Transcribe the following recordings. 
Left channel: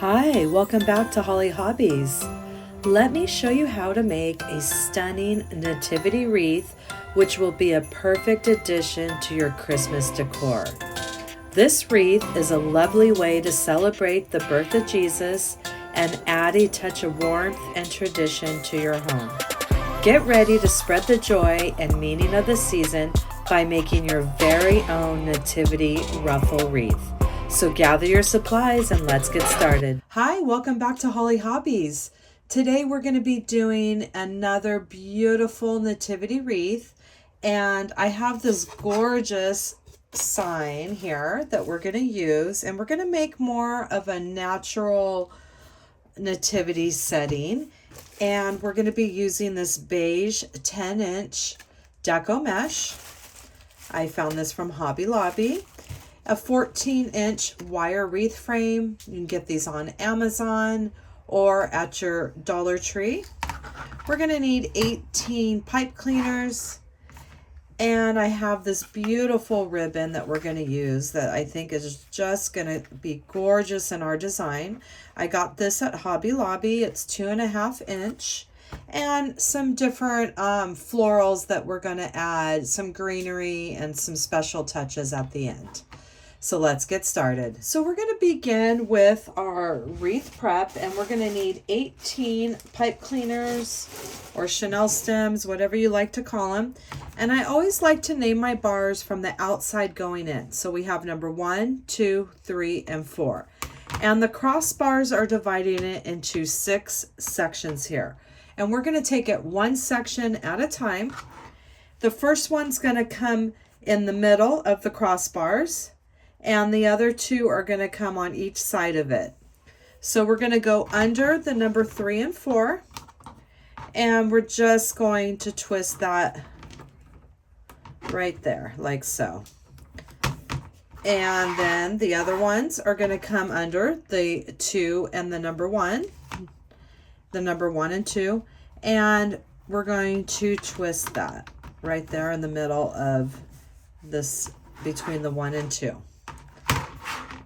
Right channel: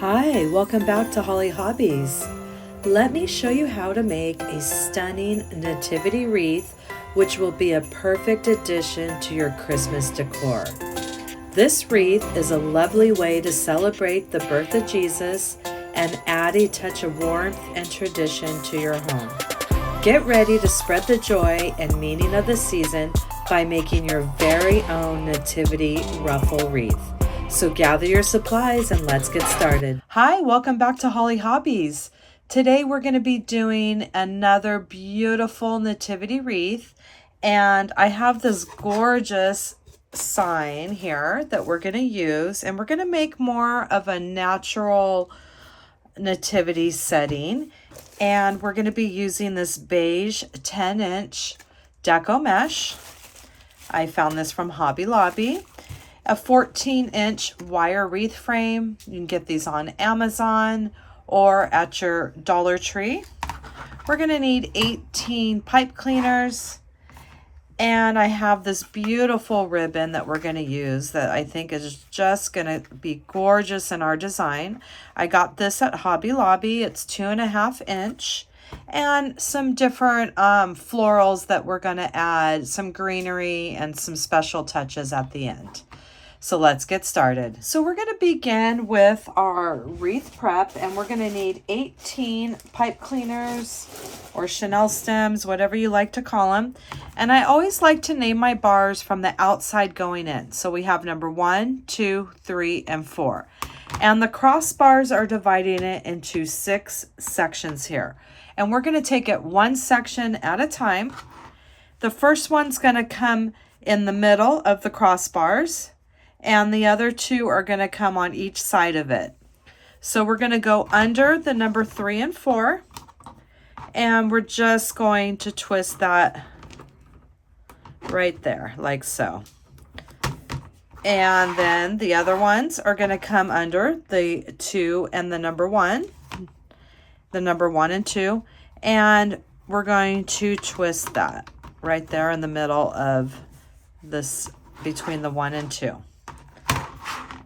Hi, welcome back to Holly Hobbies. Let me show you how to make a stunning nativity wreath, which will be a perfect addition to your Christmas decor. This wreath is a lovely way to celebrate the birth of Jesus and add a touch of warmth and tradition to your home. Get ready to spread the joy and meaning of the season by making your very own nativity ruffle wreath. So gather your supplies and let's get started. Hi, welcome back to Holly Hobbies. Today we're going to be doing another beautiful nativity wreath, and I have this gorgeous sign here that we're going to use, and we're going to make more of a natural nativity setting, and we're going to be using this beige 10-inch deco mesh. I found this from Hobby Lobby. A 14-inch wire wreath frame. You can get these on Amazon or at your Dollar Tree. We're going to need 18 pipe cleaners, and I have this beautiful ribbon that we're going to use that I think is just going to be gorgeous in our design. I got this at Hobby Lobby. It's 2.5 inch, and some different florals that we're going to add, some greenery and some special touches at the end. So let's get started. So we're going to begin with our wreath prep, and we're going to need 18 pipe cleaners or Chanel stems, whatever you like to call them. And I always like to name my bars from the outside going in. So we have number 1, 2, 3, and 4. And the crossbars are dividing it into 6 sections here. And we're going to take it one section at a time. The first one's going to come in the middle of the crossbars, and the other 2 are going to come on each side of it. So we're going to go under the number 3 and 4, and we're just going to twist that right there, like so. And then the other ones are going to come under the 2 and the number 1, the number 1 and 2, and we're going to twist that right there in the middle of this, between the 1 and 2.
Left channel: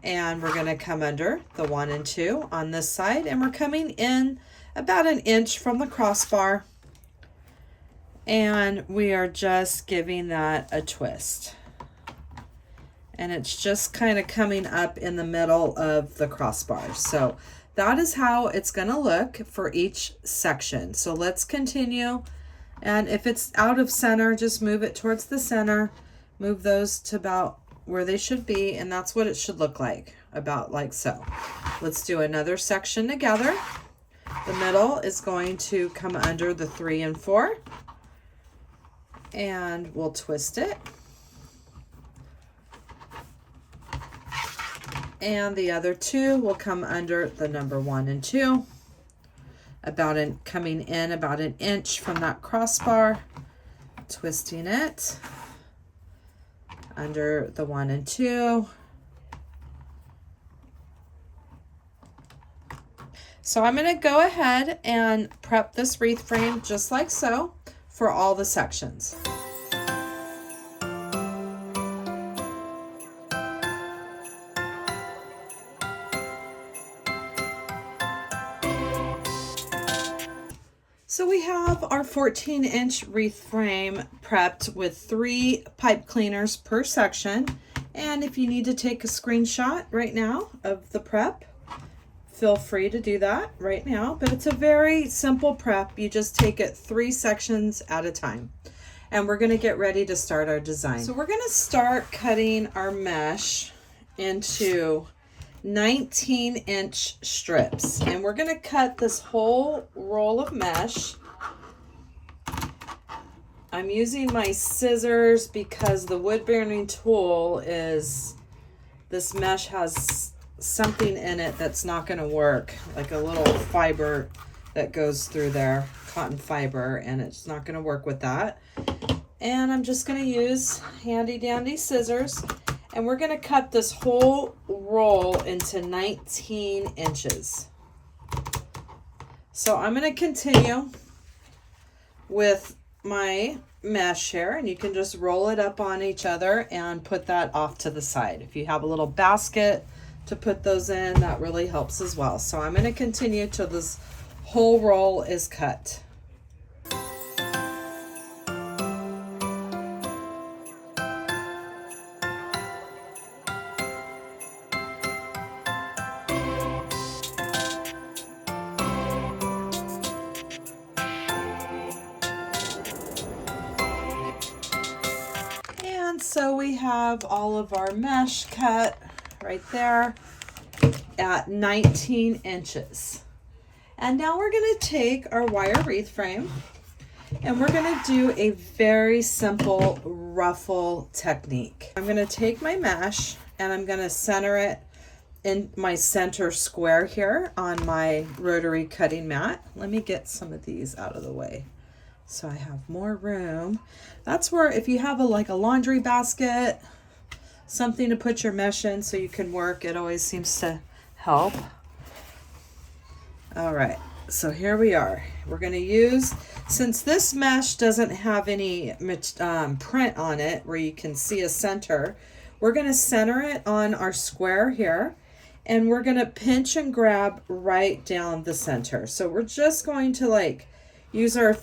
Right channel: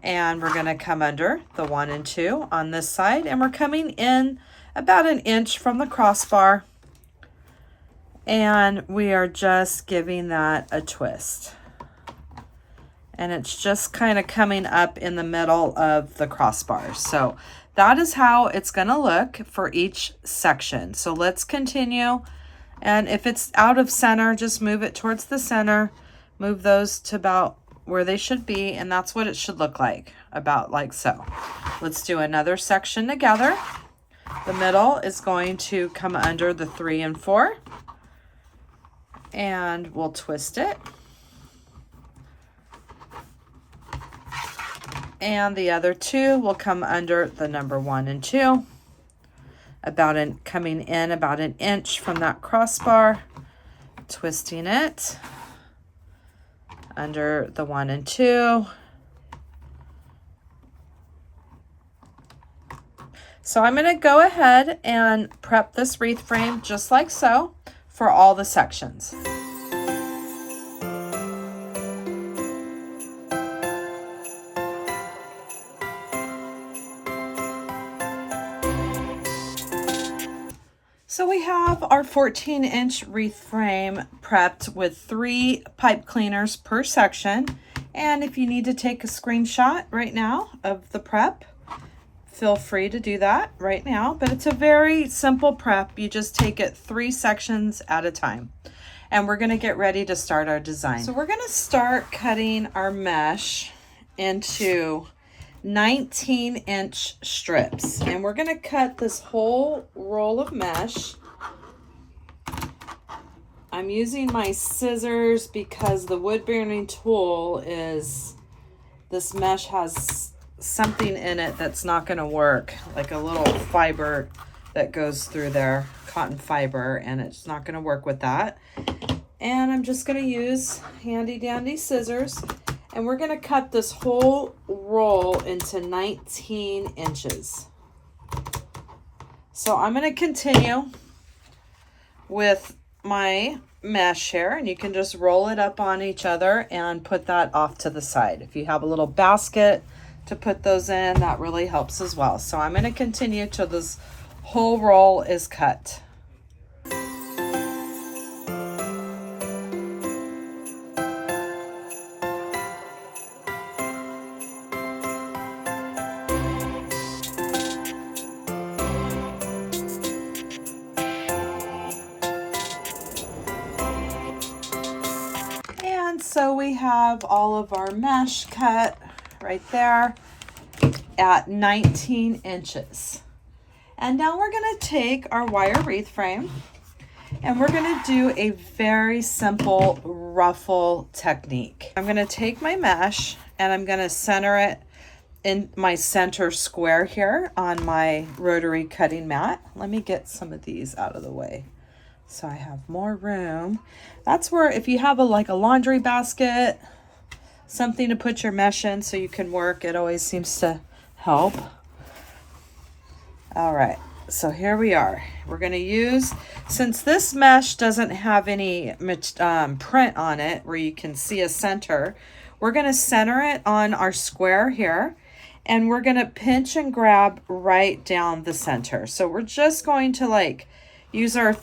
And we're going to come under the 1 and 2 on this side, and we're coming in about 1 inch from the crossbar, and we are just giving that a twist, and it's just kind of coming up in the middle of the crossbar. So that is how it's going to look for each section. So let's continue, and if it's out of center, just move it towards the center, move those to about where they should be, and that's what it should look like, about like so. Let's do another section together. The middle is going to come under the 3 and 4, and we'll twist it. And the other 2 will come under the number 1 and 2, coming in about 1 inch from that crossbar, twisting it under the 1 and 2. So I'm going to go ahead and prep this wreath frame just like so for all the sections. So we have our 14-inch wreath frame prepped with 3 pipe cleaners per section. And if you need to take a screenshot right now of the prep, feel free to do that right now. But it's a very simple prep. You just take it 3 sections at a time. And we're going to get ready to start our design. So we're going to start cutting our mesh into 19-inch strips, and we're going to cut this whole roll of mesh. I'm using my scissors because the wood burning tool this mesh has something in it that's not going to work, like a little fiber that goes through there, cotton fiber, and it's not going to work with that. And I'm just going to use handy dandy scissors, and we're going to cut this whole roll into 19 inches. So I'm going to continue with my mesh here, and you can just roll it up on each other and put that off to the side. If you have a little basket to put those in. That really helps as well. So I'm going to continue till this whole roll is cut. And so we have all of our mesh cut right there at 19 inches. And now we're going to take our wire wreath frame and we're going to do a very simple ruffle technique. I'm going to take my mesh and I'm going to center it in my center square here on my rotary cutting mat. Let me get some of these out of the way so I have more room. That's where, if you have like a laundry basket, something to put your mesh in so you can work, it always seems to help. All right, so here we are. We're going to use, since this mesh doesn't have any print on it where you can see a center, we're going to center it on our square here, and we're going to pinch and grab right down the center. So we're just going to like use our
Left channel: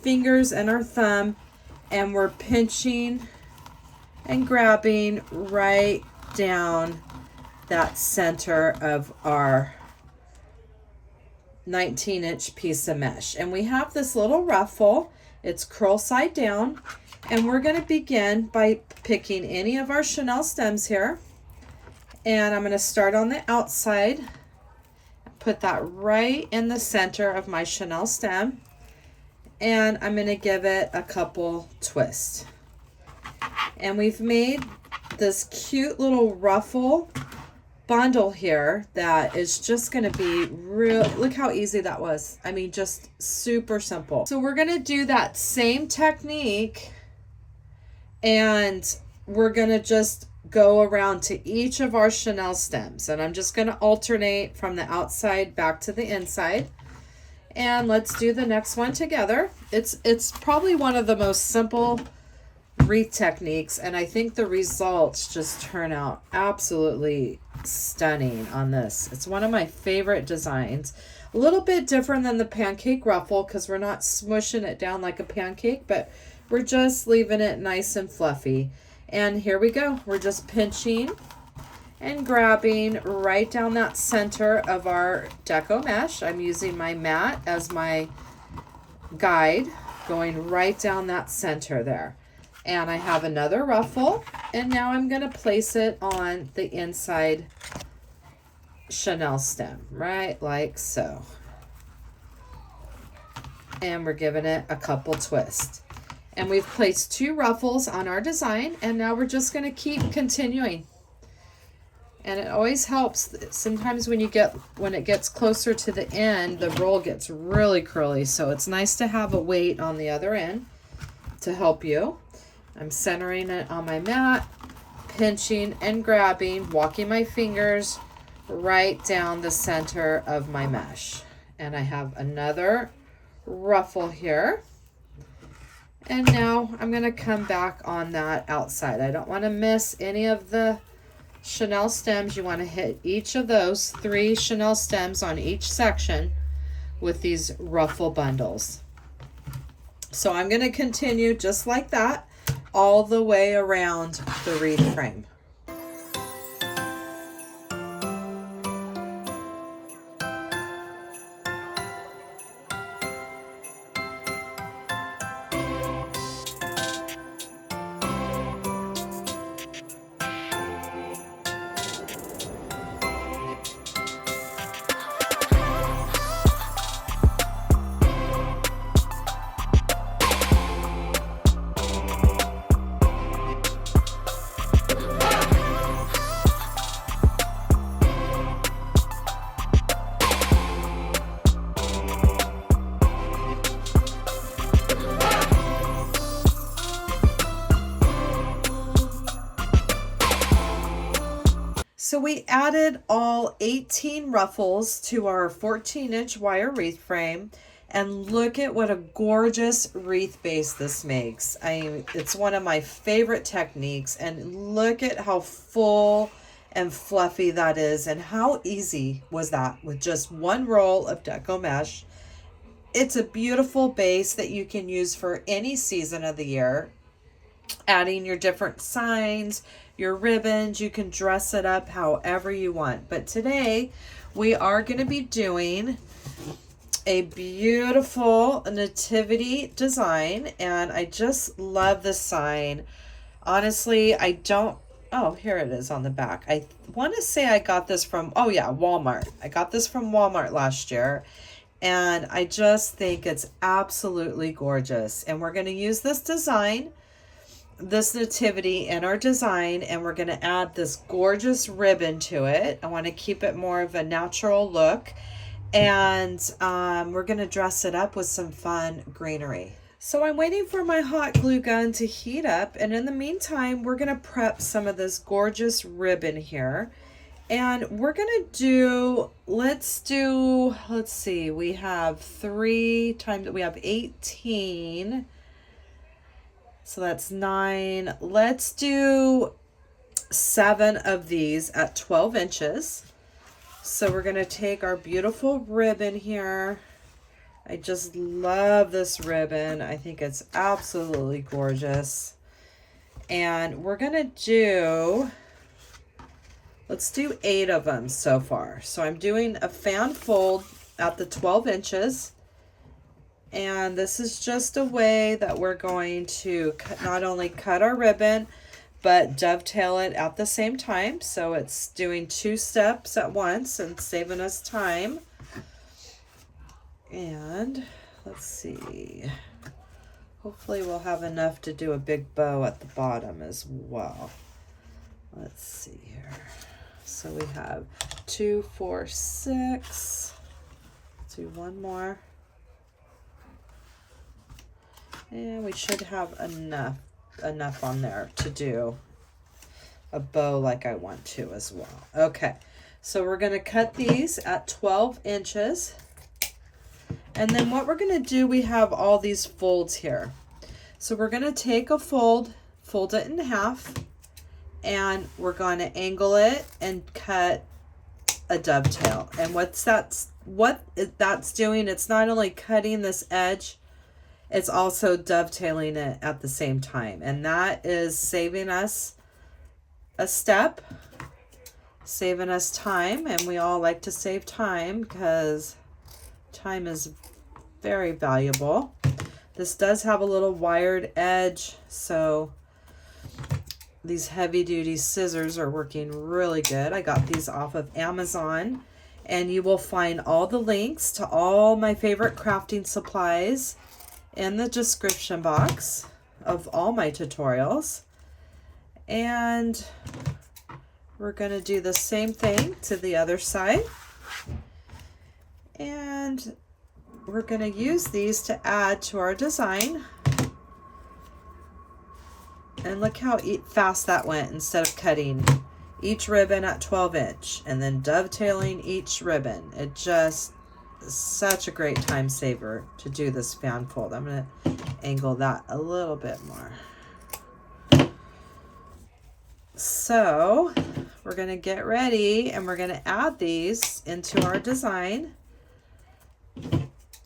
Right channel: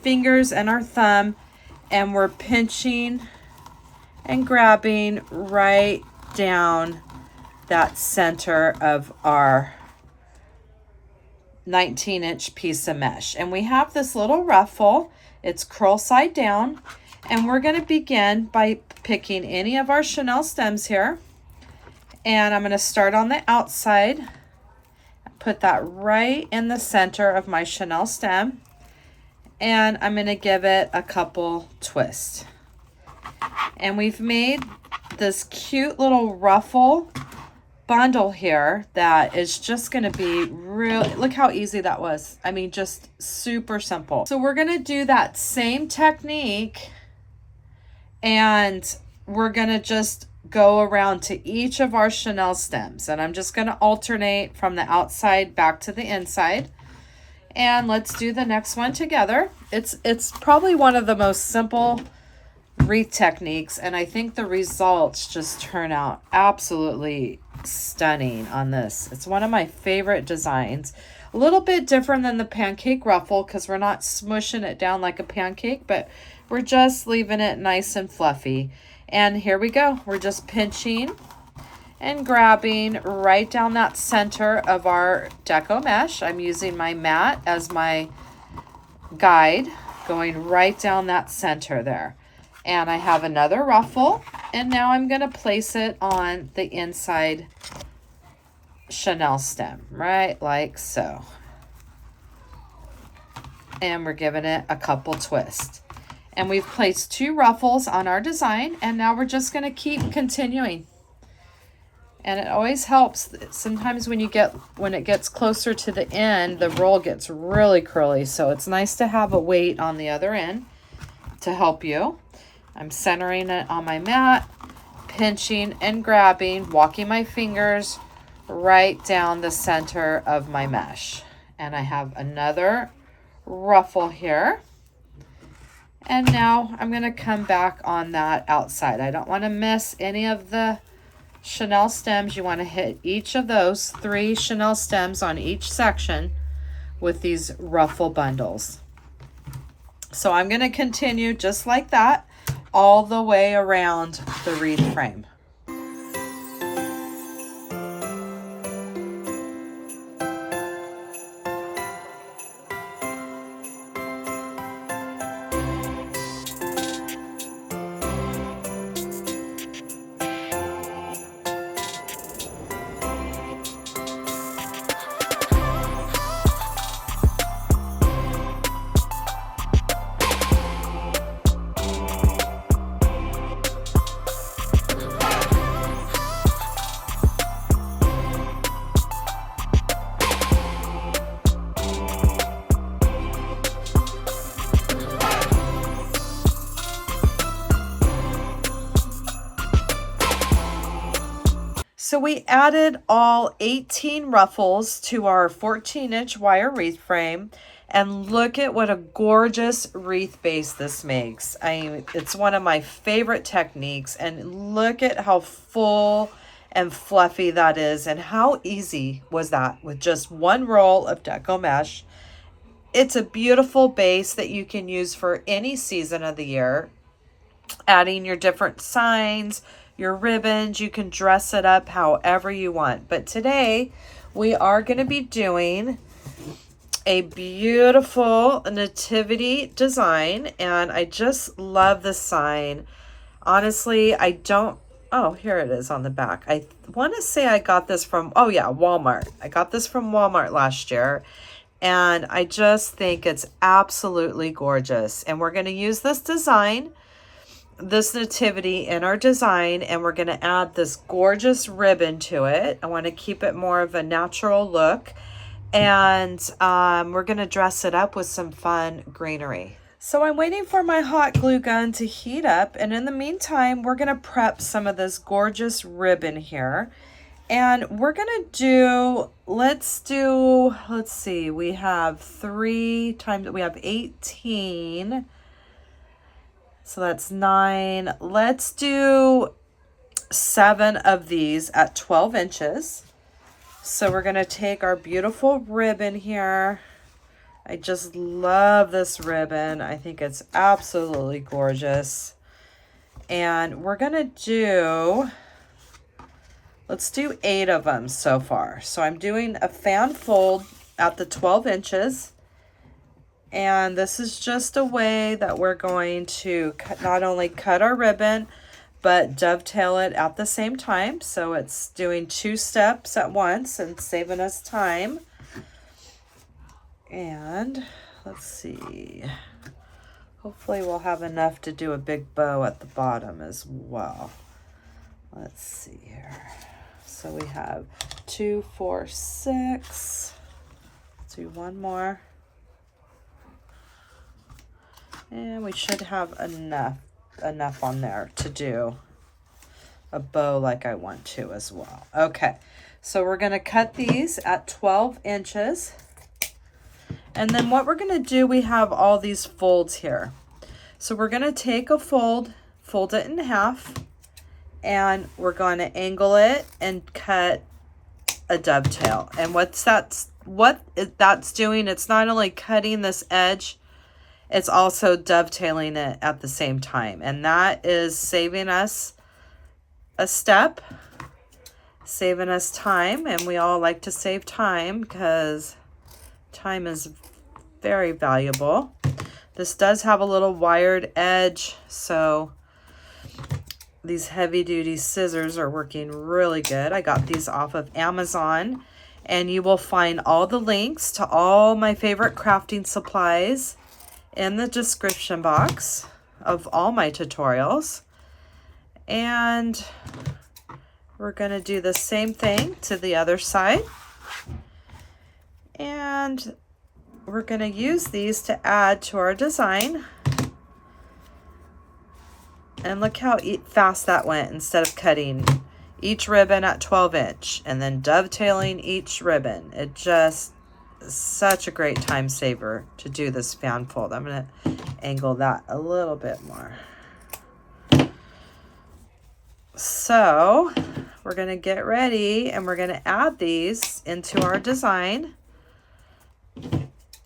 fingers and our thumb, and we're pinching and grabbing right down that center of our 19-inch piece of mesh. And we have this little ruffle, it's curl side down, and we're going to begin by picking any of our chenille stems here, and I'm going to start on the outside, put that right in the center of my chenille stem, and I'm going to give it a couple twists. And we've made this cute little ruffle bundle here that is just going to be real. Look how easy that was. I mean, just super simple. So we're going to do that same technique, and we're going to just go around to each of our chenille stems, and I'm just going to alternate from the outside back to the inside. And let's do the next one together. It's probably one of the most simple wreath techniques, and I think the results just turn out absolutely stunning on this. It's one of my favorite designs. A little bit different than the pancake ruffle because we're not smushing it down like a pancake, but we're just leaving it nice and fluffy. And here we go. We're just pinching and grabbing right down that center of our deco mesh. I'm using my mat as my guide, going right down that center there. And I have another ruffle, and now I'm going to place it on the inside chenille stem, right like so. And we're giving it a couple twists. And we've placed 2 ruffles on our design, and now we're just going to keep continuing. And it always helps. Sometimes when it gets closer to the end, the roll gets really curly. So it's nice to have a weight on the other end to help you. I'm centering it on my mat, pinching and grabbing, walking my fingers right down the center of my mesh. And I have another ruffle here. And now I'm going to come back on that outside. I don't want to miss any of the chenille stems. You want to hit each of those 3 chenille stems on each section with these ruffle bundles. So I'm going to continue just like that all the way around the wreath frame. So we added all 18 ruffles to our 14-inch wire wreath frame, and look at what a gorgeous wreath base this makes. It's one of my favorite techniques, and look at how full and fluffy that is, and how easy was that with just one roll of deco mesh. It's a beautiful base that you can use for any season of the year. Adding your different signs, your ribbons, you can dress it up however you want. But today we are going to be doing a beautiful nativity design, and I just love the sign. Honestly, I don't, oh, here it is on the back. I want to say I got this from, oh yeah, Walmart. I got this from Walmart last year, and I just think it's absolutely gorgeous. And we're going to use this design, this nativity in our design, and we're going to add this gorgeous ribbon to it. I want to keep it more of a natural look, and we're going to dress it up with some fun greenery. So I'm waiting for my hot glue gun to heat up, and in the meantime we're going to prep some of this gorgeous ribbon here. And we're going to do, let's see, we have 3 times, we have 18. So that's 9. Let's do 7 of these at 12 inches. So we're going to take our beautiful ribbon here. I just love this ribbon. I think it's absolutely gorgeous. And we're going to do, let's do 8 of them so far. So I'm doing a fan fold at the 12 inches. And this is just a way that we're going to not only cut our ribbon, but dovetail it at the same time. So it's doing 2 steps at once and saving us time. And let's see, hopefully we'll have enough to do a big bow at the bottom as well. Let's see here. So we have 2, 4, 6. Let's do 1 more. And we should have enough on there to do a bow like I want to as well. Okay, so we're going to cut these at 12 inches. And then what we're going to do, we have all these folds here. So we're going to take a fold it in half, and we're going to angle it and cut a dovetail. And what that's doing, it's not only cutting this edge, it's also dovetailing it at the same time. And that is saving us a step, saving us time. And we all like to save time because time is very valuable. This does have a little wired edge, so these heavy duty scissors are working really good. I got these off of Amazon, and you will find all the links to all my favorite crafting supplies in the description box of all my tutorials. And we're going to do the same thing to the other side. And we're going to use these to add to our design. And look how fast that went, instead of cutting each ribbon at 12 inch and then dovetailing each ribbon. It just is such a great time saver to do this fan fold. I'm going to angle that a little bit more. So we're going to get ready, and we're going to add these into our design.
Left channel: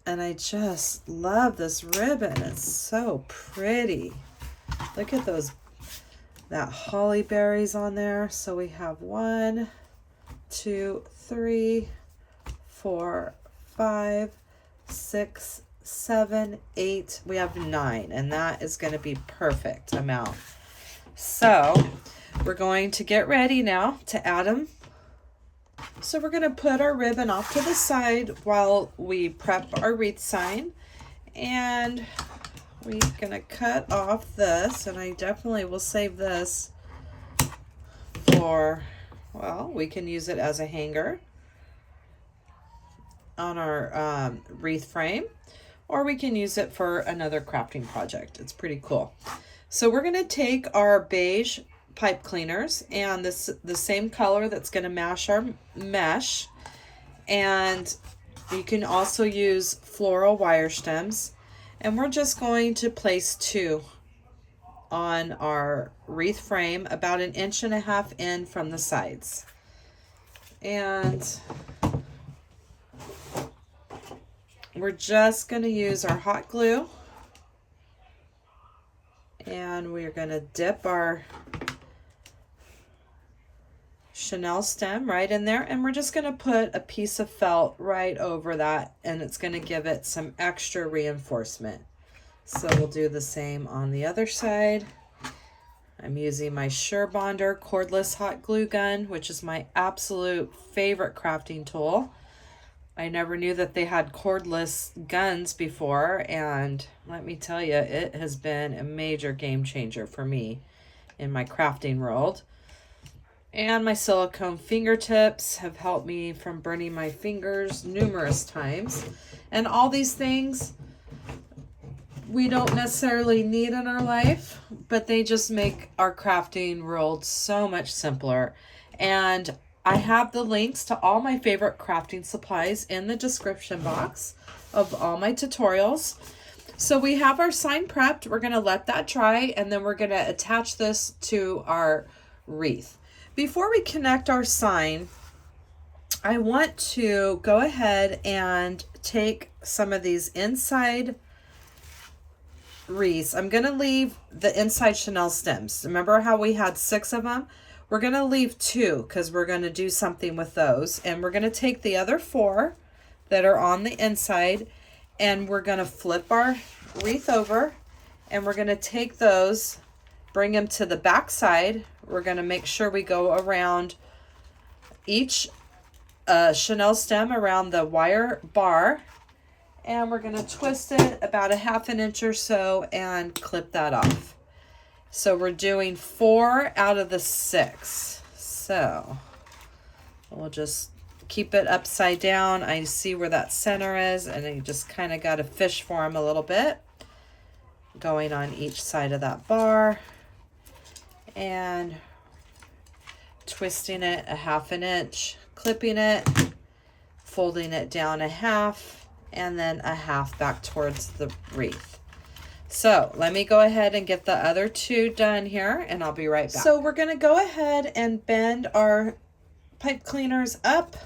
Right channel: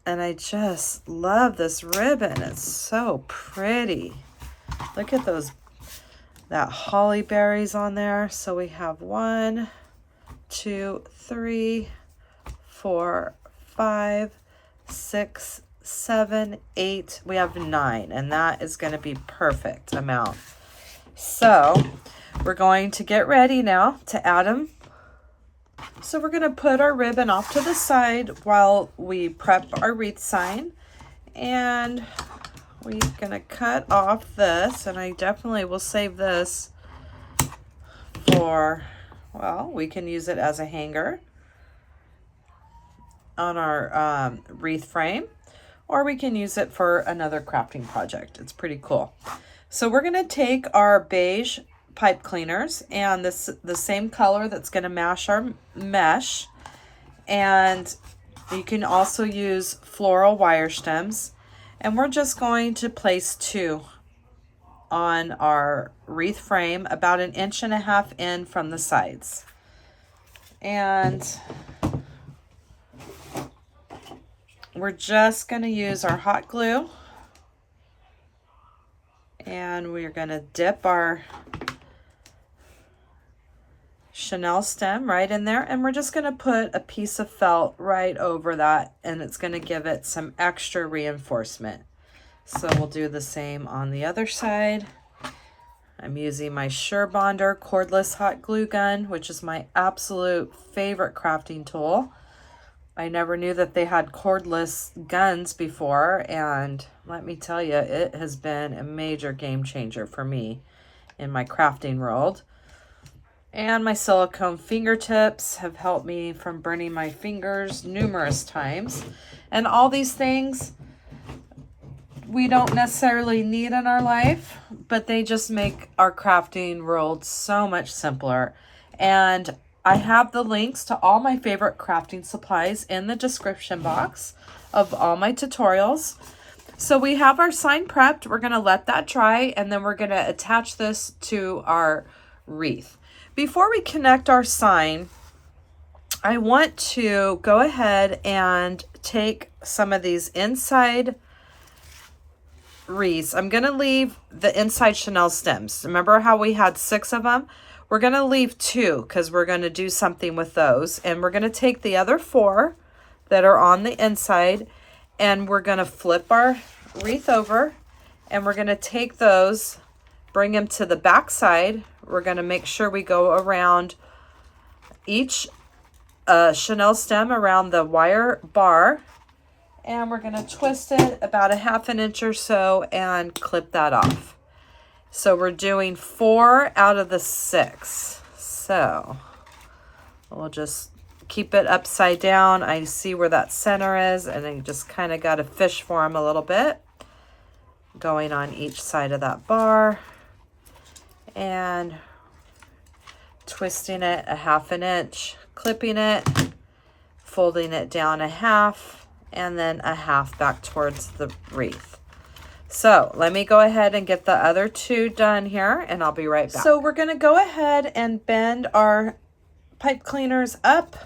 And I just love this ribbon. It's so pretty. Look at that holly berries on there. So we have 1, 2, 3, 4, 5, 6, 7, 8. We have 9, and that is going to be perfect amount. So we're going to get ready now to add them. So we're going to put our ribbon off to the side while we prep our wreath sign, and we're going to cut off this, and I definitely will save this for, well, we can use it as a hanger on our wreath frame, or we can use it for another crafting project. It's pretty cool. So we're going to take our beige pipe cleaners and the same color that's going to match our mesh, and you can also use floral wire stems, and we're just going to place 2 on our wreath frame, about 1.5 inches in from the sides. And we're just going to use our hot glue, and we're going to dip our chenille stem right in there, and we're just going to put a piece of felt right over that, and it's going to give it some extra reinforcement. So we'll do the same on the other side. I'm using my SureBonder cordless hot glue gun, which is my absolute favorite crafting tool. I never knew that they had cordless guns before, and let me tell you, it has been a major game changer for me in my crafting world. And my silicone fingertips have helped me from burning my fingers numerous times. And all these things we don't necessarily need in our life, but they just make our crafting world so much simpler. And I have the links to all my favorite crafting supplies in the description box of all my tutorials. So we have our sign prepped. We're going to let that dry, and then we're going to attach this to our wreath. Before we connect our sign, I want to go ahead and take some of these inside wreaths. I'm going to leave the inside chenille stems. Remember how we had 6 of them? We're going to leave 2 because we're going to do something with those. And we're going to take the other 4 that are on the inside, and we're going to flip our wreath over, and we're going to take those, bring them to the back side. We're going to make sure we go around each chenille stem around the wire bar, and we're going to twist it about 1/2 inch or so and clip that off. So we're doing 4 out of the 6. So we'll just keep it upside down. I see where that center is, and I just kind of got to fish for them a little bit, going on each side of that bar and twisting it 1/2 inch, clipping it, folding it down 1/2, and then 1/2 back towards the wreath. So let me go ahead and get the other 2 done here, and I'll be right back. So we're going to go ahead and bend our pipe cleaners up.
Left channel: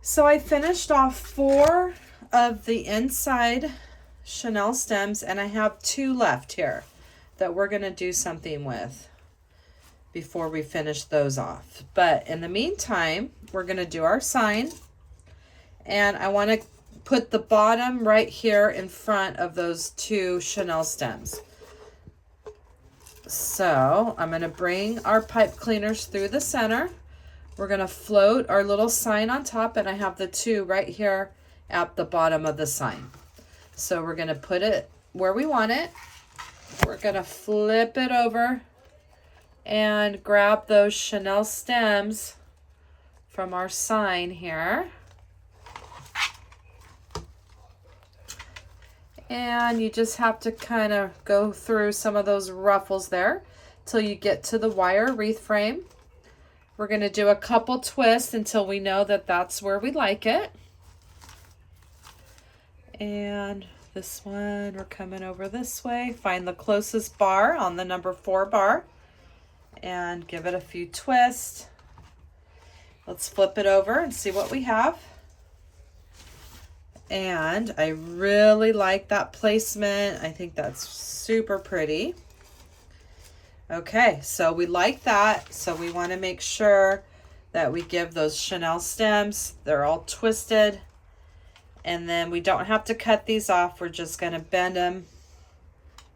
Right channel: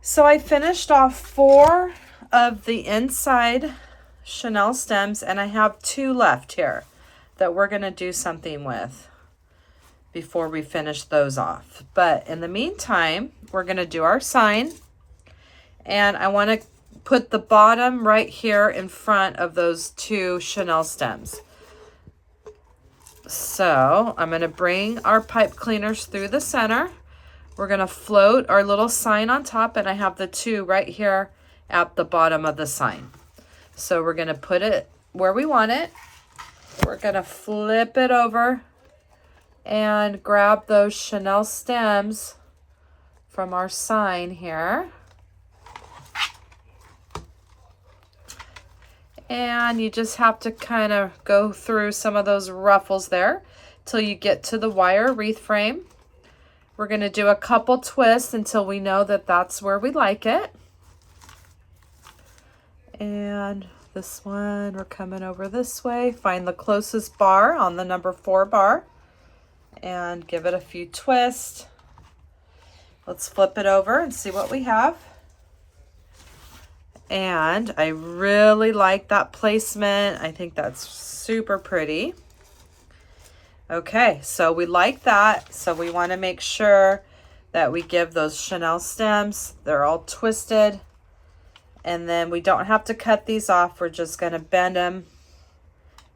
So I finished off 4 of the inside chenille stems, and I have 2 left here that we're going to do something with before we finish those off. But in the meantime, we're going to do our sign, and I want to put the bottom right here in front of those 2 chenille stems. So I'm going to bring our pipe cleaners through the center. We're going to float our little sign on top, and I have the 2 right here at the bottom of the sign. So we're going to put it where we want it. We're going to flip it over and grab those chenille stems from our sign here. And you just have to kind of go through some of those ruffles there till you get to the wire wreath frame. We're going to do a couple twists until we know that that's where we like it. And this one, we're coming over this way. Find the closest bar on the number 4 bar and give it a few twists. Let's flip it over and see what we have. And I really like that placement. I think that's super pretty. Okay, so we like that. So we want to make sure that we give those chenille stems, they're all twisted. And then we don't have to cut these off. We're just going to bend them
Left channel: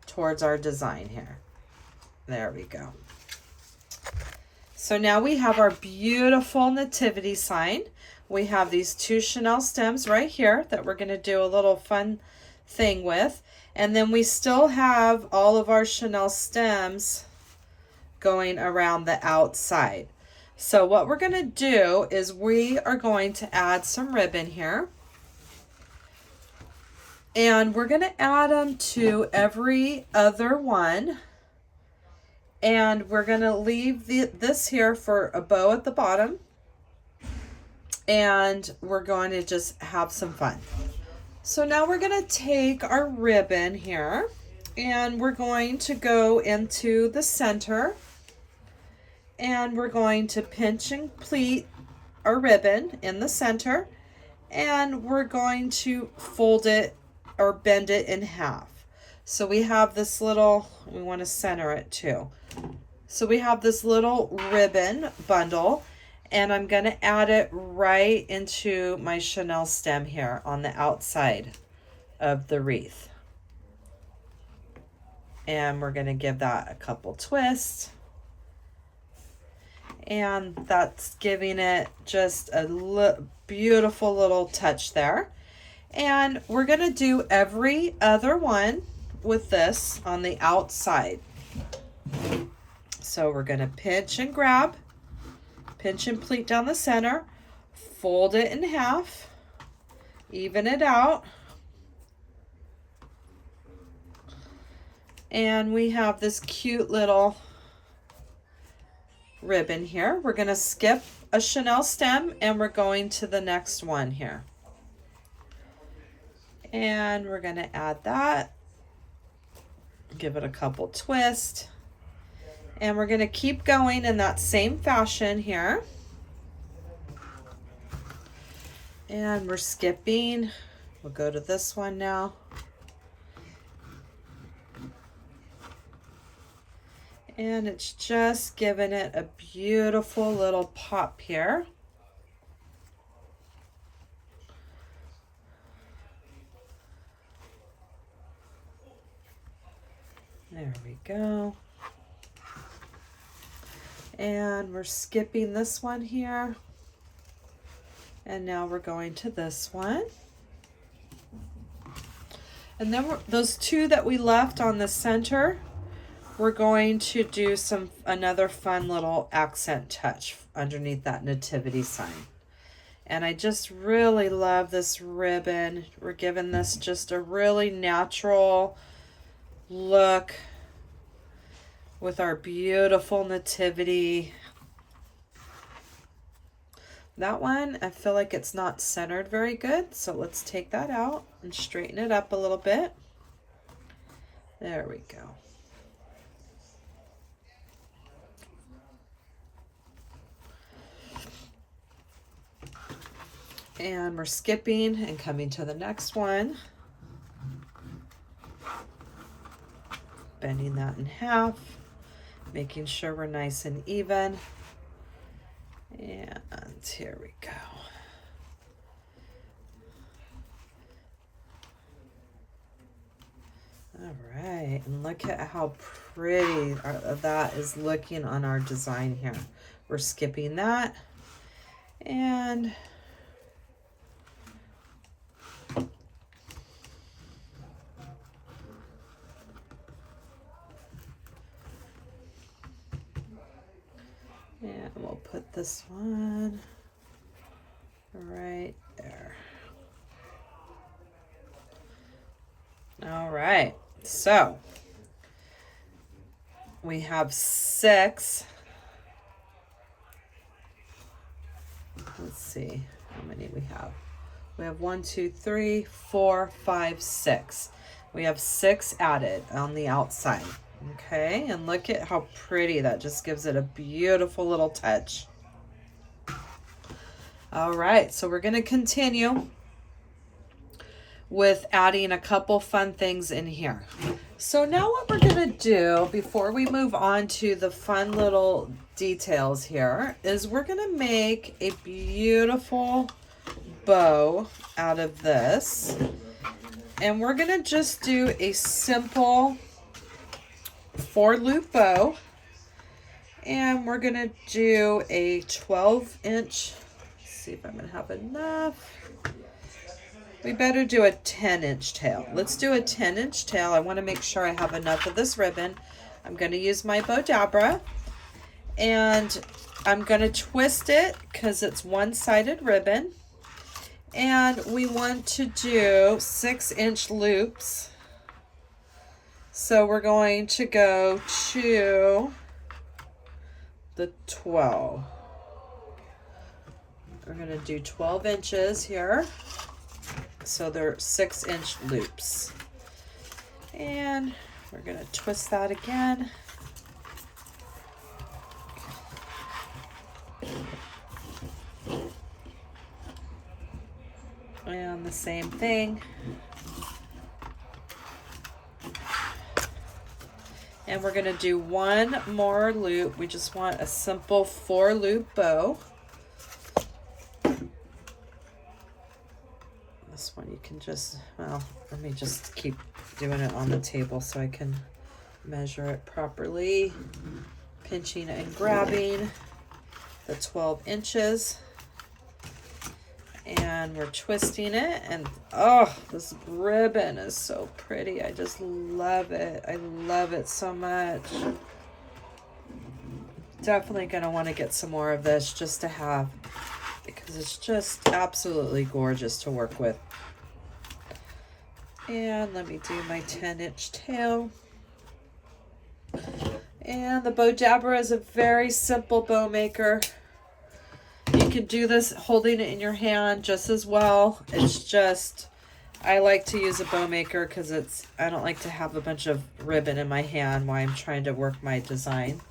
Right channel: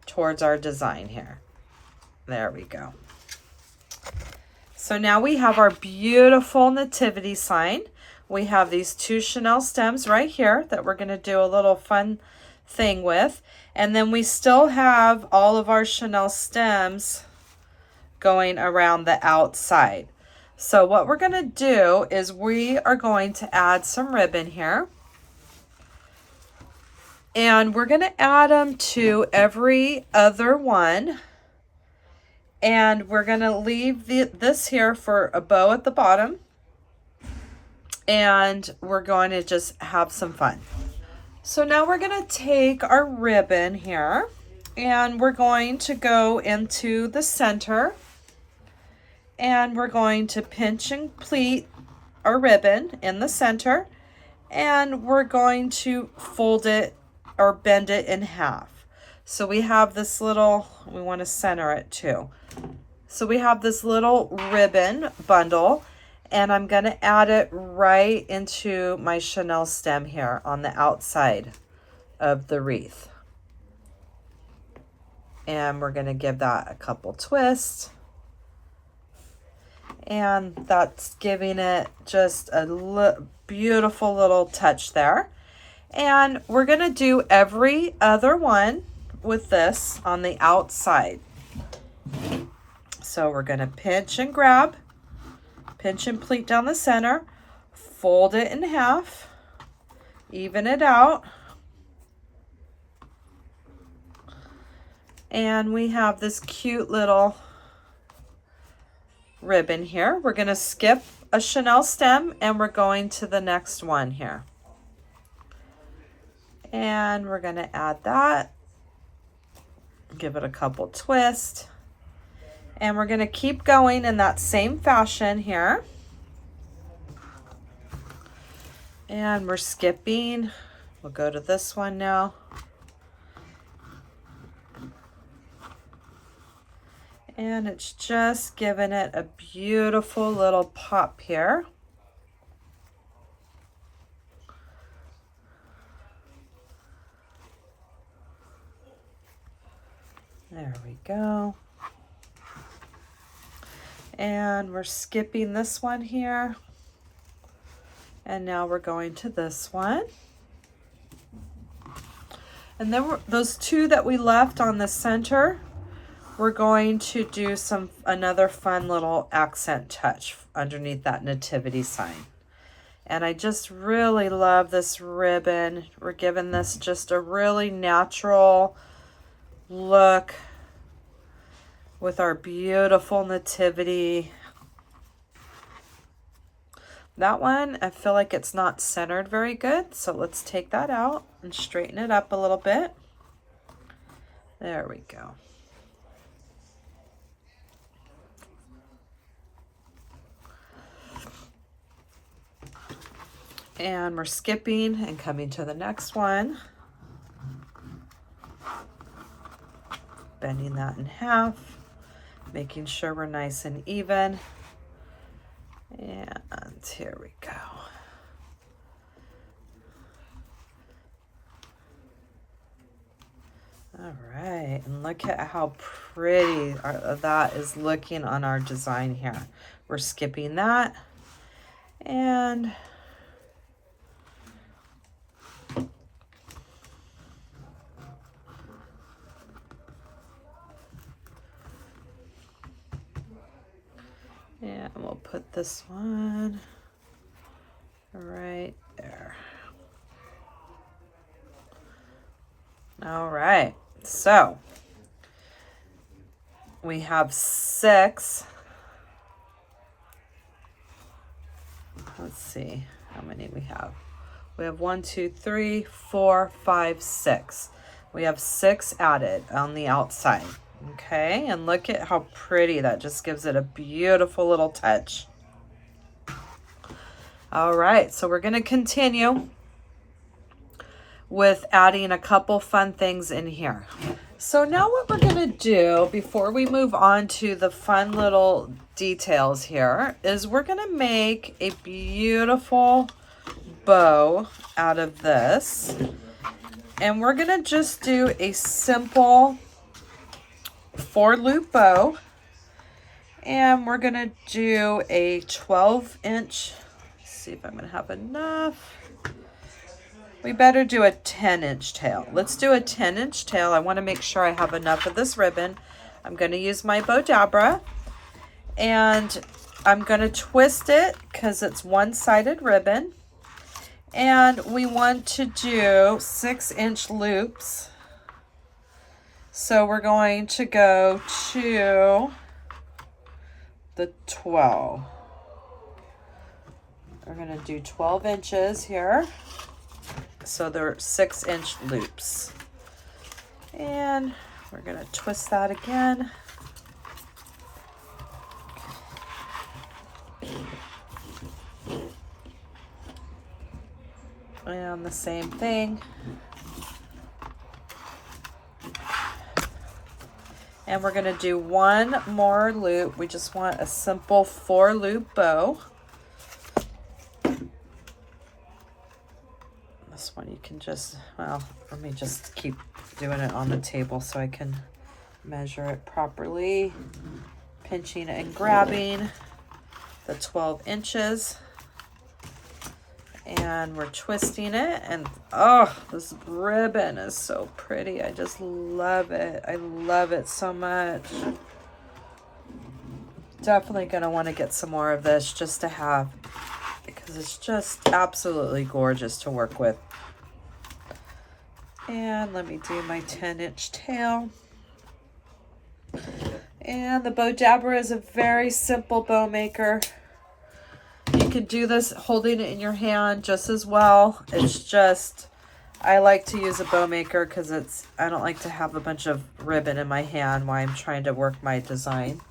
towards our design here. There we go. So now we have our beautiful nativity sign. We have these 2 chenille stems right here that we're going to do a little fun thing with. And then we still have all of our chenille stems going around the outside. So what we're going to do is we are going to add some ribbon here. And we're going to add them to every other one. And we're going to leave this here for a bow at the bottom. And we're going to just have some fun. So now we're going to take our ribbon here, And we're going to go into the center, and we're going to pinch and pleat our ribbon in the center, and we're going to fold it or bend it in half. So we have this little, we want to center it too. So we have this little ribbon bundle, and I'm going to add it right into my Chanel stem here on the outside of the wreath. And we're going to give that a couple twists. And that's giving it just a beautiful little touch there. And we're going to do every other one with this on the outside. So we're going to pinch and grab, pinch and pleat down the center, fold it in half, even it out. And we have this cute little ribbon here. We're going to skip a Chanel stem and we're going to the next one here. And we're going to add that, give it a couple twists, and we're going to keep going in that same fashion here. And we're skipping. We'll go to this one now. And it's just giving it a beautiful little pop here. There we go. And we're skipping this one here. And now we're going to this one. And then those two that we left on the center, we're going to do another fun little accent touch underneath that nativity sign. And I just really love this ribbon. We're giving this just a really natural look with our beautiful nativity. That one, I feel like it's not centered very good, so let's take that out and straighten it up a little bit. There we go. And we're skipping and coming to the next one. Bending that in half, making sure we're nice and even. And here we go. All right, and look at how pretty that is looking on our design here. We're skipping that, and we'll put this one right there. All right, so we have 6. Let's see how many we have. We have 1, 2, 3, 4, 5, 6. We have 6 added on the outside. Okay, and look at how pretty that just gives it a beautiful little touch. All right, so we're going to continue with adding a couple fun things in here. So now what we're going to do before we move on to the fun little details here is we're going to make a beautiful bow out of this. And we're going to just do a simple 4-loop bow, and we're gonna do a 12-inch. See if I'm gonna have enough. We better do a 10-inch tail. Let's do a 10-inch tail. I want to make sure I have enough of this ribbon. I'm gonna use my bow dabra, and I'm gonna twist it because it's one-sided ribbon, and we want to do 6-inch loops. So we're going to go to the 12. We're going to do 12 inches here. So they're 6-inch loops. And we're going to twist that again. And the same thing. And we're going to do one more loop. We just want a simple 4-loop bow. This one you can just, well, let me just keep doing it on the table so I can measure it properly. Pinching and grabbing the 12 inches. And we're twisting it, and oh, this ribbon is so pretty. I just love it. I love it so much. Definitely gonna want to get some more of this just to have, because it's just absolutely gorgeous to work with. And let me do my 10-inch tail. And the bow dabber is a very simple bow maker. You can do this holding it in your hand just as well. It's just, I like to use a bow maker because I don't like to have a bunch of ribbon in my hand while I'm trying to work my design.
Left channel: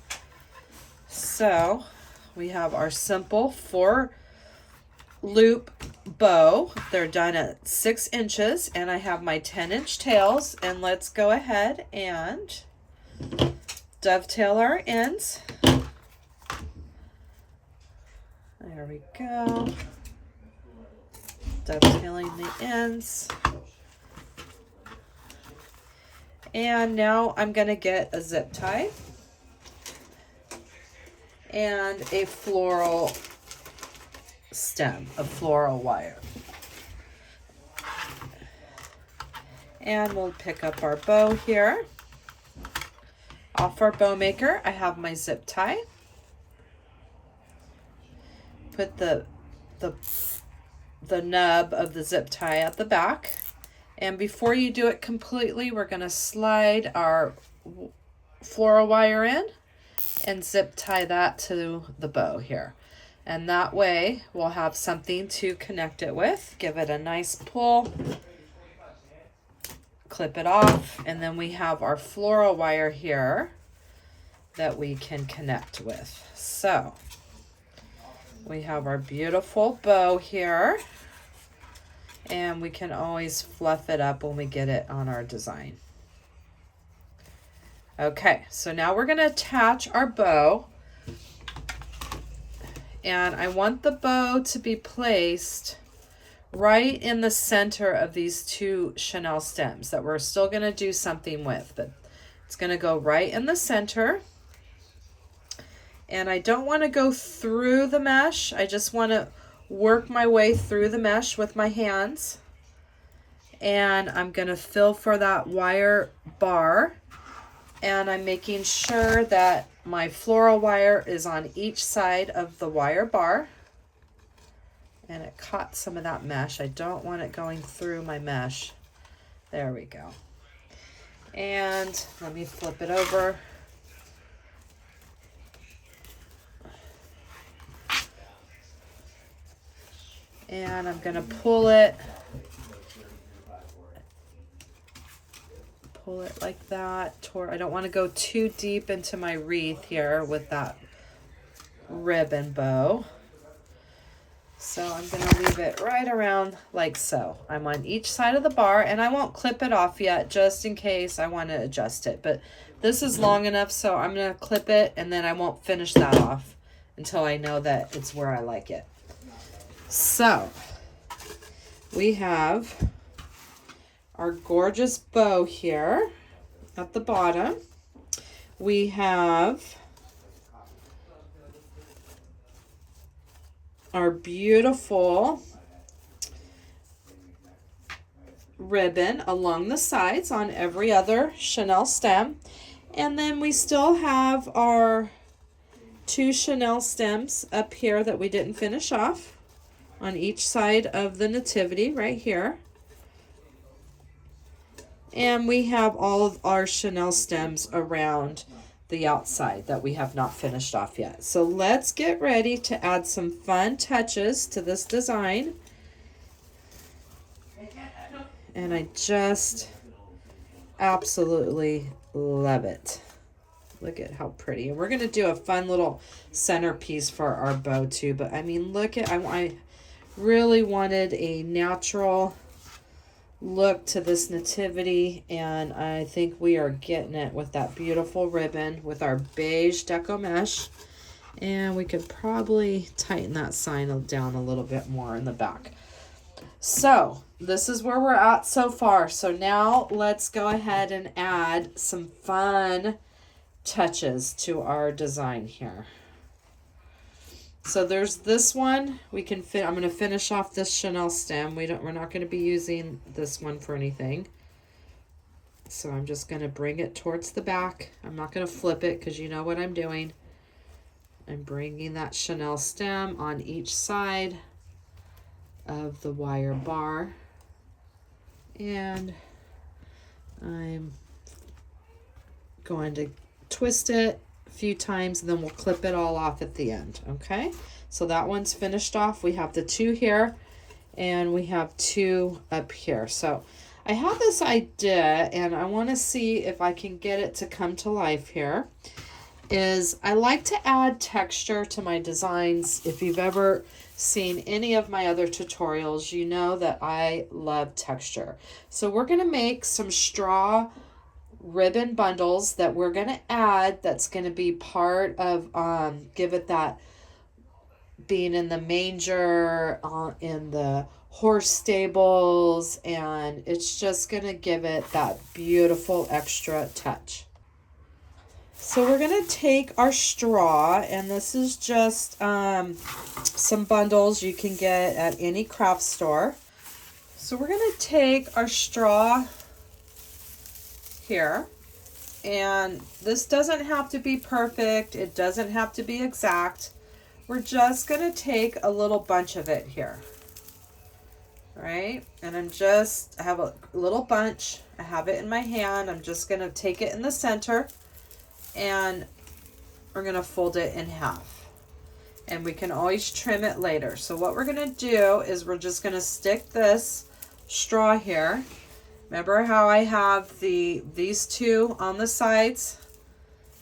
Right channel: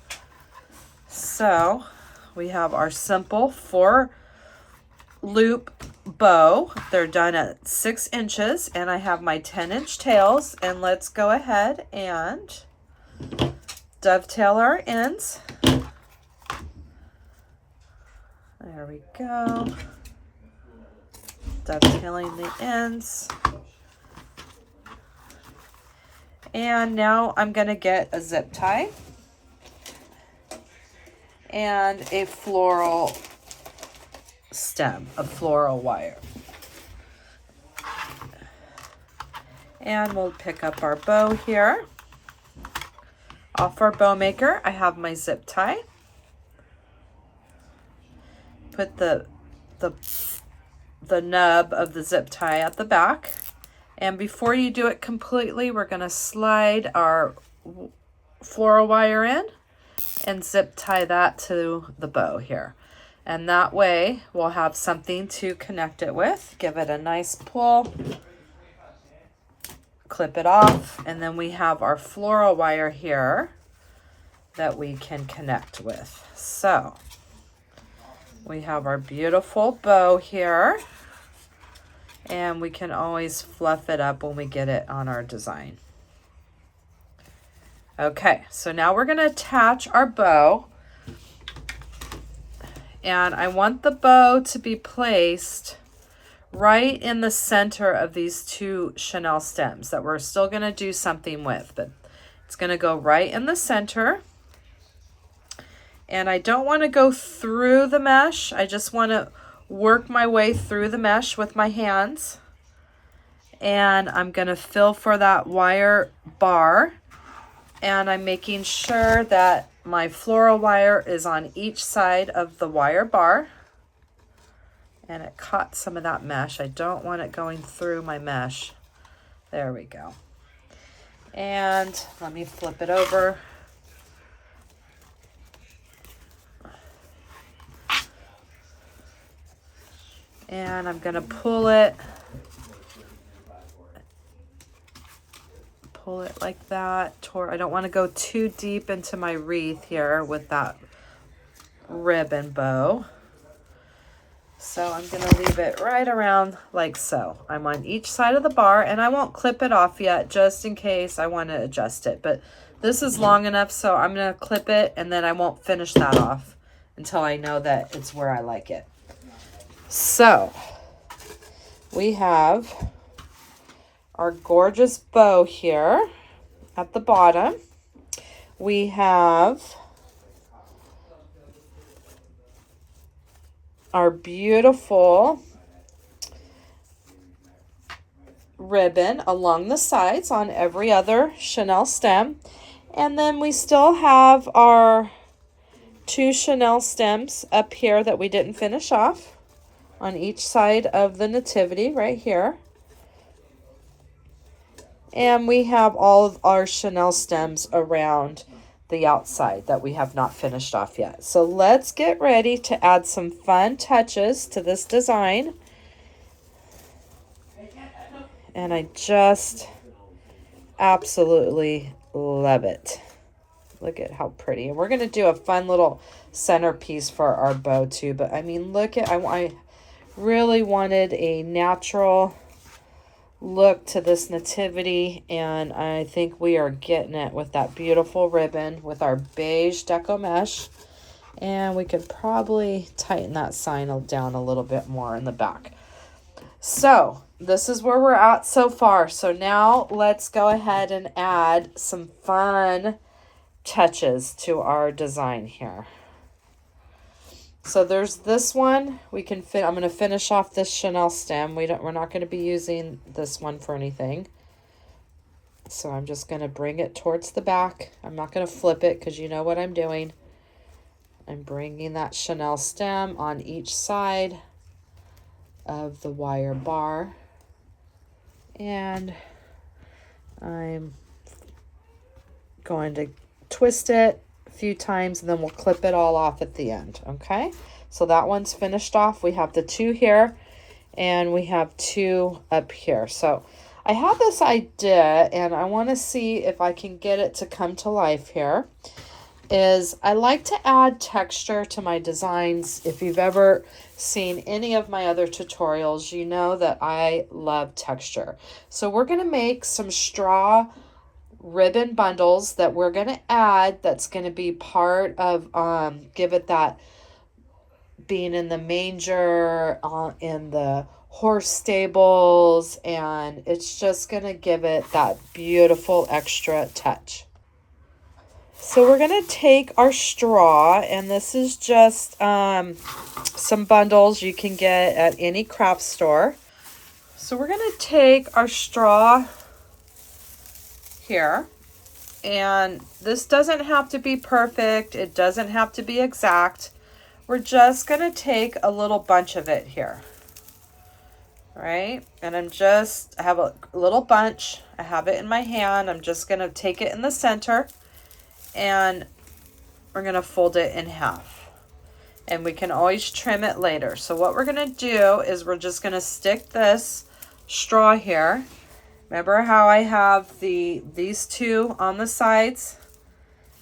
So we have our simple 4-loop bow. They're done at 6 inches, and I have my 10-inch tails, and let's go ahead and dovetail our ends. There we go. Dovetailing the ends. And now I'm going to get a zip tie and a floral stem, a floral wire. And we'll pick up our bow here. Off our bow maker, I have my zip tie. Put the nub of the zip tie at the back, and before you do it completely, we're going to slide our floral wire in and zip tie that to the bow here, and that way we'll have something to connect it with. Give it a nice pull, clip it off, and then we have our floral wire here that we can connect with. So we have our beautiful bow here, and we can always fluff it up when we get it on our design. Okay, so now we're going to attach our bow, and I want the bow to be placed right in the center of these 2 chenille stems that we're still going to do something with, but it's going to go right in the center. And I don't want to go through the mesh. I just want to work my way through the mesh with my hands. And I'm going to fill for that wire bar. And I'm making sure that my floral wire is on each side of the wire bar. And it caught some of that mesh. I don't want it going through my mesh. There we go. And let me flip it over. And I'm going to pull it like that. I don't want to go too deep into my wreath here with that ribbon bow. So I'm going to leave it right around like so. I'm on each side of the bar, and I won't clip it off yet just in case I want to adjust it. But this is long enough, so I'm going to clip it, and then I won't finish that off until I know that it's where I like it. So we have our gorgeous bow here at the bottom. We have our beautiful ribbon along the sides on every other chenille stem. And then we still have our 2 chenille stems up here that we didn't finish off on each side of the nativity right here. And we have all of our chenille stems around the outside that we have not finished off yet. So let's get ready to add some fun touches to this design. And I just Absolutely love it. Look at how pretty. And we're going to do a fun little centerpiece for our bow too. But I mean, look at, I really wanted a natural look to this nativity, and I think we are getting it with that beautiful ribbon with our beige deco mesh. And we could probably tighten that sign down a little bit more in the back. So this is where we're at so far. So now let's go ahead and add some fun touches to our design here. So there's this one. We can fit. I'm going to finish off this Chanel stem. We're not going to be using this one for anything. So I'm just going to bring it towards the back. I'm not going to flip it because you know what I'm doing. I'm bringing that Chanel stem on each side of the wire bar. And I'm going to twist it a few times, and then we'll clip it all off at the end. Okay, so that one's finished off. We have the two here, and we have two up here. So I have this idea, and I want to see if I can get it to come to life here. I like to add texture to my designs. If you've ever seen any of my other tutorials, you know that I love texture. So we're going to make some straw ribbon bundles that we're going to add. That's going to be part of give it that being in the manger, in the horse stables, and it's just going to give it that beautiful extra touch. So we're going to take our straw, and this is just some bundles you can get at any craft store. So we're going to take our straw here, and this doesn't have to be perfect. It doesn't have to be exact. We're just going to take a little bunch of it here. Right? And I have a little bunch. I have it in my hand. I'm just going to take it in the center, and we're going to fold it in half. And we can always trim it later. So what we're going to do is we're just going to stick this straw here. Remember how I have these two on the sides?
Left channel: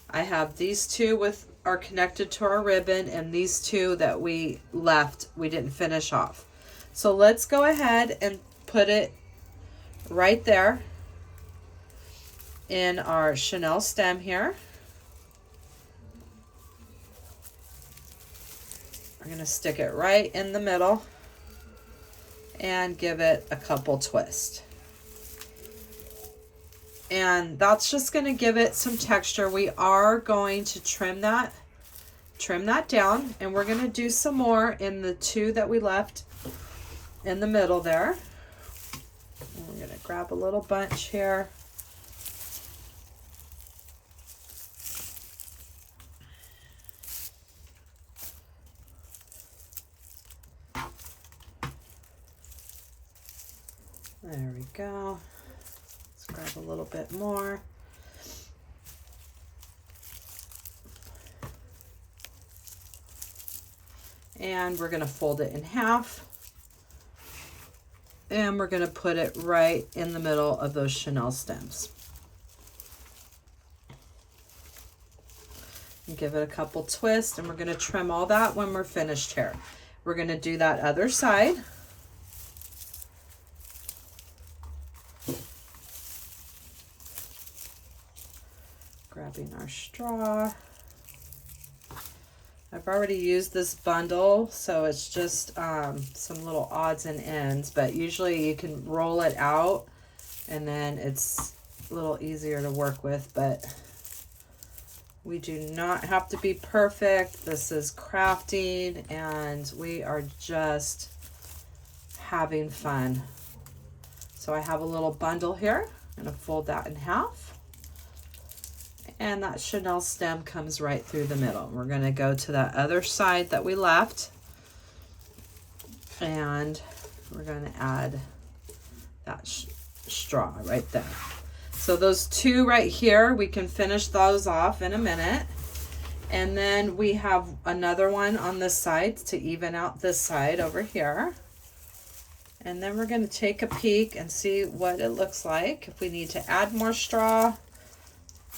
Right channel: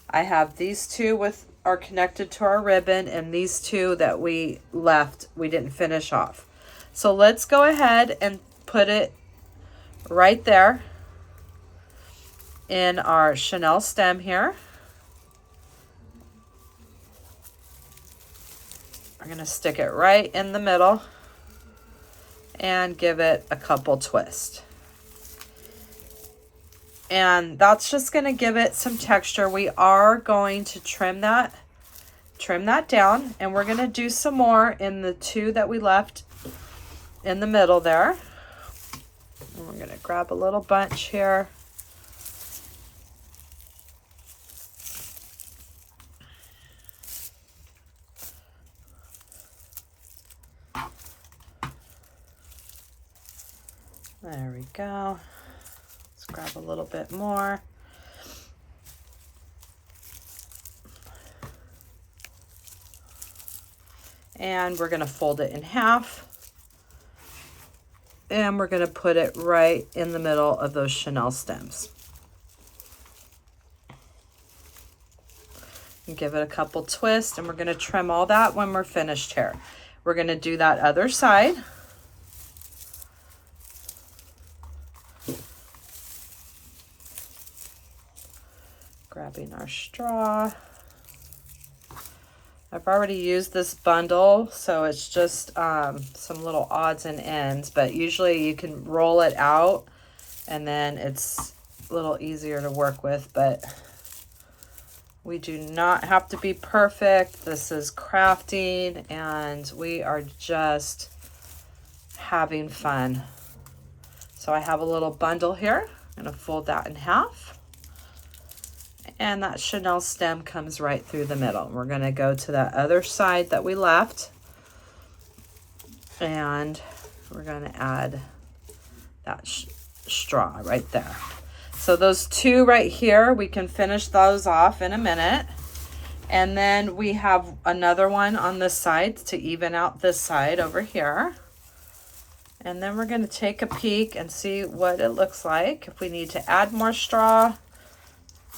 I have these two are connected to our ribbon, and these two that we didn't finish off. So let's go ahead and put it right there in our Chanel stem here. I'm going to stick it right in the middle and give it a couple twists. And that's just going to give it some texture. We are going to trim that down, and we're going to do some more in the two that we left in the middle there. And we're going to grab a little bunch here. There we go. Let's grab a little bit more. And we're going to fold it in half. And we're going to put it right in the middle of those Chanel stems. And give it a couple twists, and we're going to trim all that when we're finished here. We're going to do that other side. Grabbing our straw. I've already used this bundle, so it's just some little odds and ends, but usually you can roll it out and then it's a little easier to work with, but we do not have to be perfect. This is crafting, and we are just having fun. So I have a little bundle here. I'm going to fold that in half. And that Chanel stem comes right through the middle. We're going to go to that other side that we left, and we're going to add that straw right there. So those two right here, we can finish those off in a minute. And then we have another one on this side to even out this side over here. And then we're going to take a peek and see what it looks like. If we need to add more straw,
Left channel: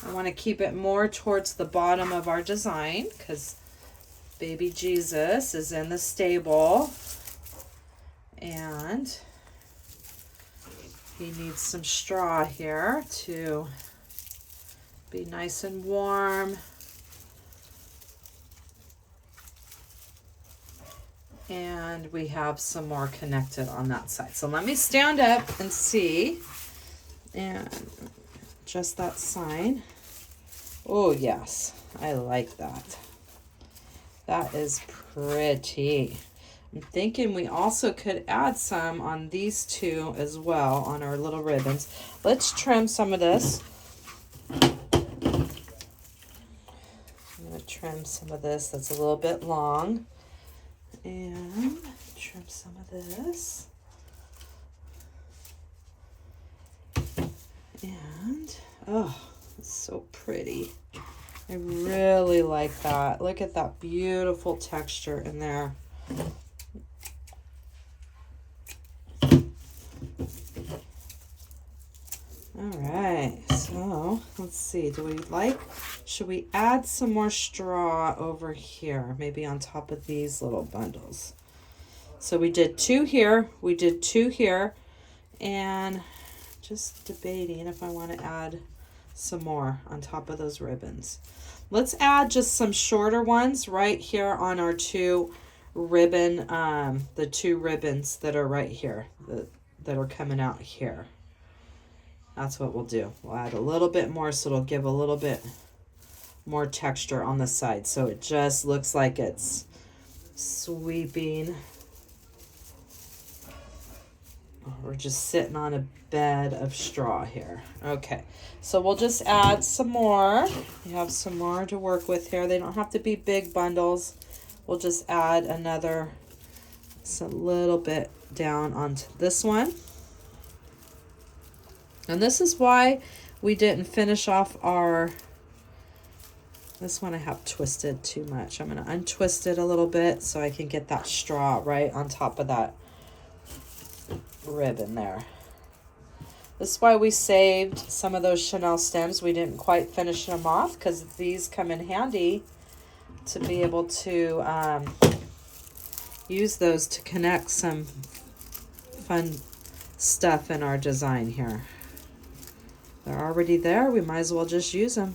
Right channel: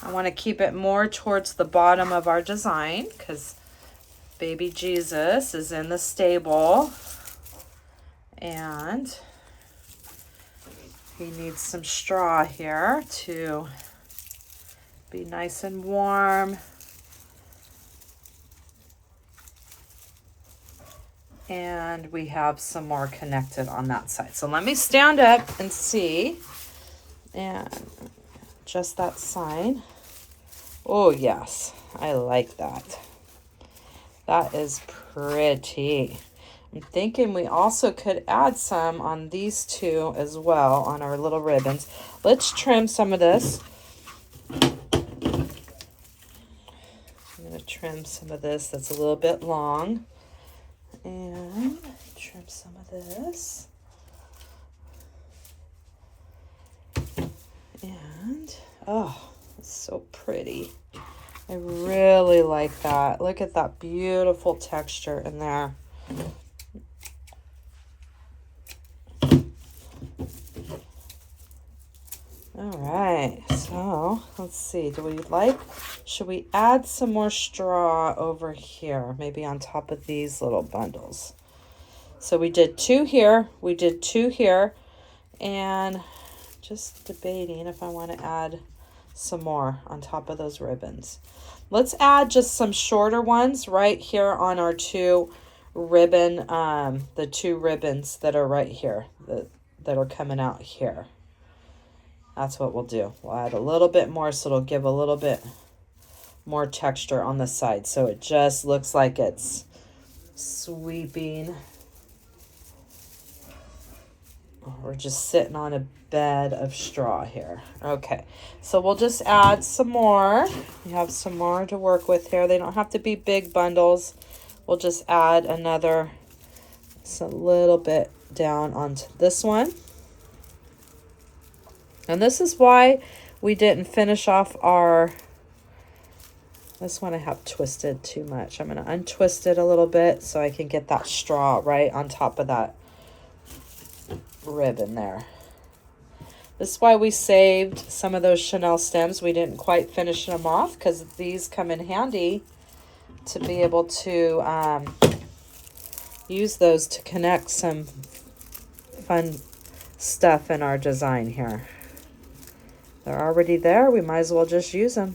I want to keep it more towards the bottom of our design because baby Jesus is in the stable and he needs some straw here to be nice and warm. And we have some more connected on that side. So let me stand up and see. And just that sign. Oh, yes. I like that. That is pretty. I'm thinking we also could add some on these two as well on our little ribbons. Let's trim some of this. I'm going to trim some of this that's a little bit long. And trim some of this. And, oh, it's so pretty. I really like that. Look at that beautiful texture in there. All right, so let's see. Should we add some more straw over here? Maybe on top of these little bundles. So we did 2 here, we did 2 here, and just debating if I want to add some more on top of those ribbons. Let's add just some shorter ones right here on our 2 ribbon, the 2 ribbons that are right here, that are coming out here. That's what we'll do. We'll add a little bit more so it'll give a little bit more texture on the side. So it just looks like it's sweeping. We're just sitting on a bed of straw here. Okay, so we'll just add some more. We have some more to work with here. They don't have to be big bundles. We'll just add another, just a little bit down onto this one. And this is why we didn't finish off our, this one I have twisted too much. I'm going to untwist it a little bit so I can get that straw right on top of that ribbon there. This is why we saved some of those Chanel stems. We didn't quite finish them off because these come in handy to be able to use those to connect some fun stuff in our design here. They're already there. We might as well just use them.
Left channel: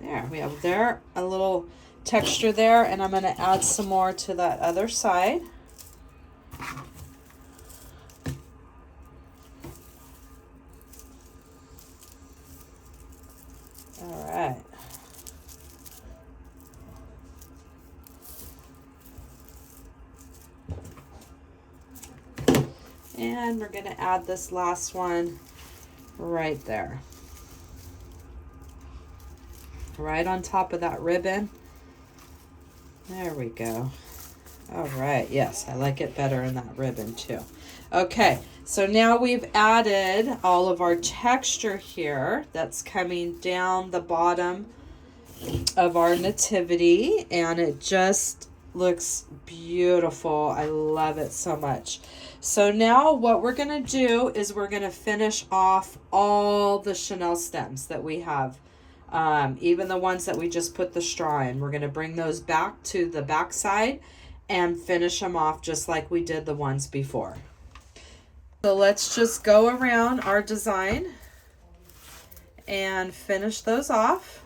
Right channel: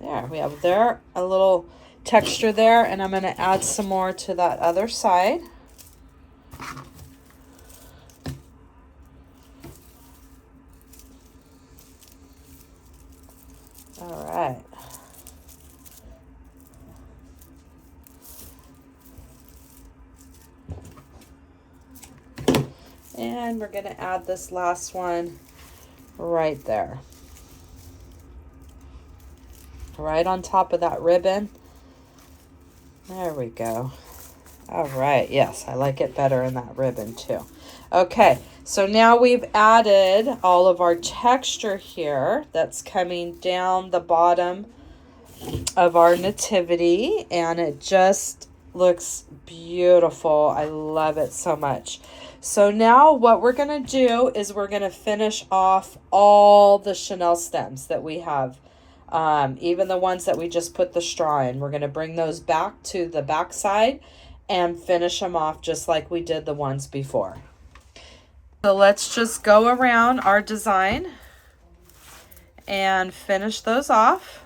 There, we have there a little texture there, and I'm going to add some more to that other side. All right. And we're going to add this last one right there. Right on top of that ribbon. There we go. All right, yes, I like it better in that ribbon too. Okay, so now we've added all of our texture here that's coming down the bottom of our nativity, and it just looks beautiful. I love it so much. So now what we're going to do is we're going to finish off all the Chanel stems that we have. Even the ones that we just put the straw in. We're going to bring those back to the back side and finish them off just like we did the ones before. So let's just go around our design and finish those off.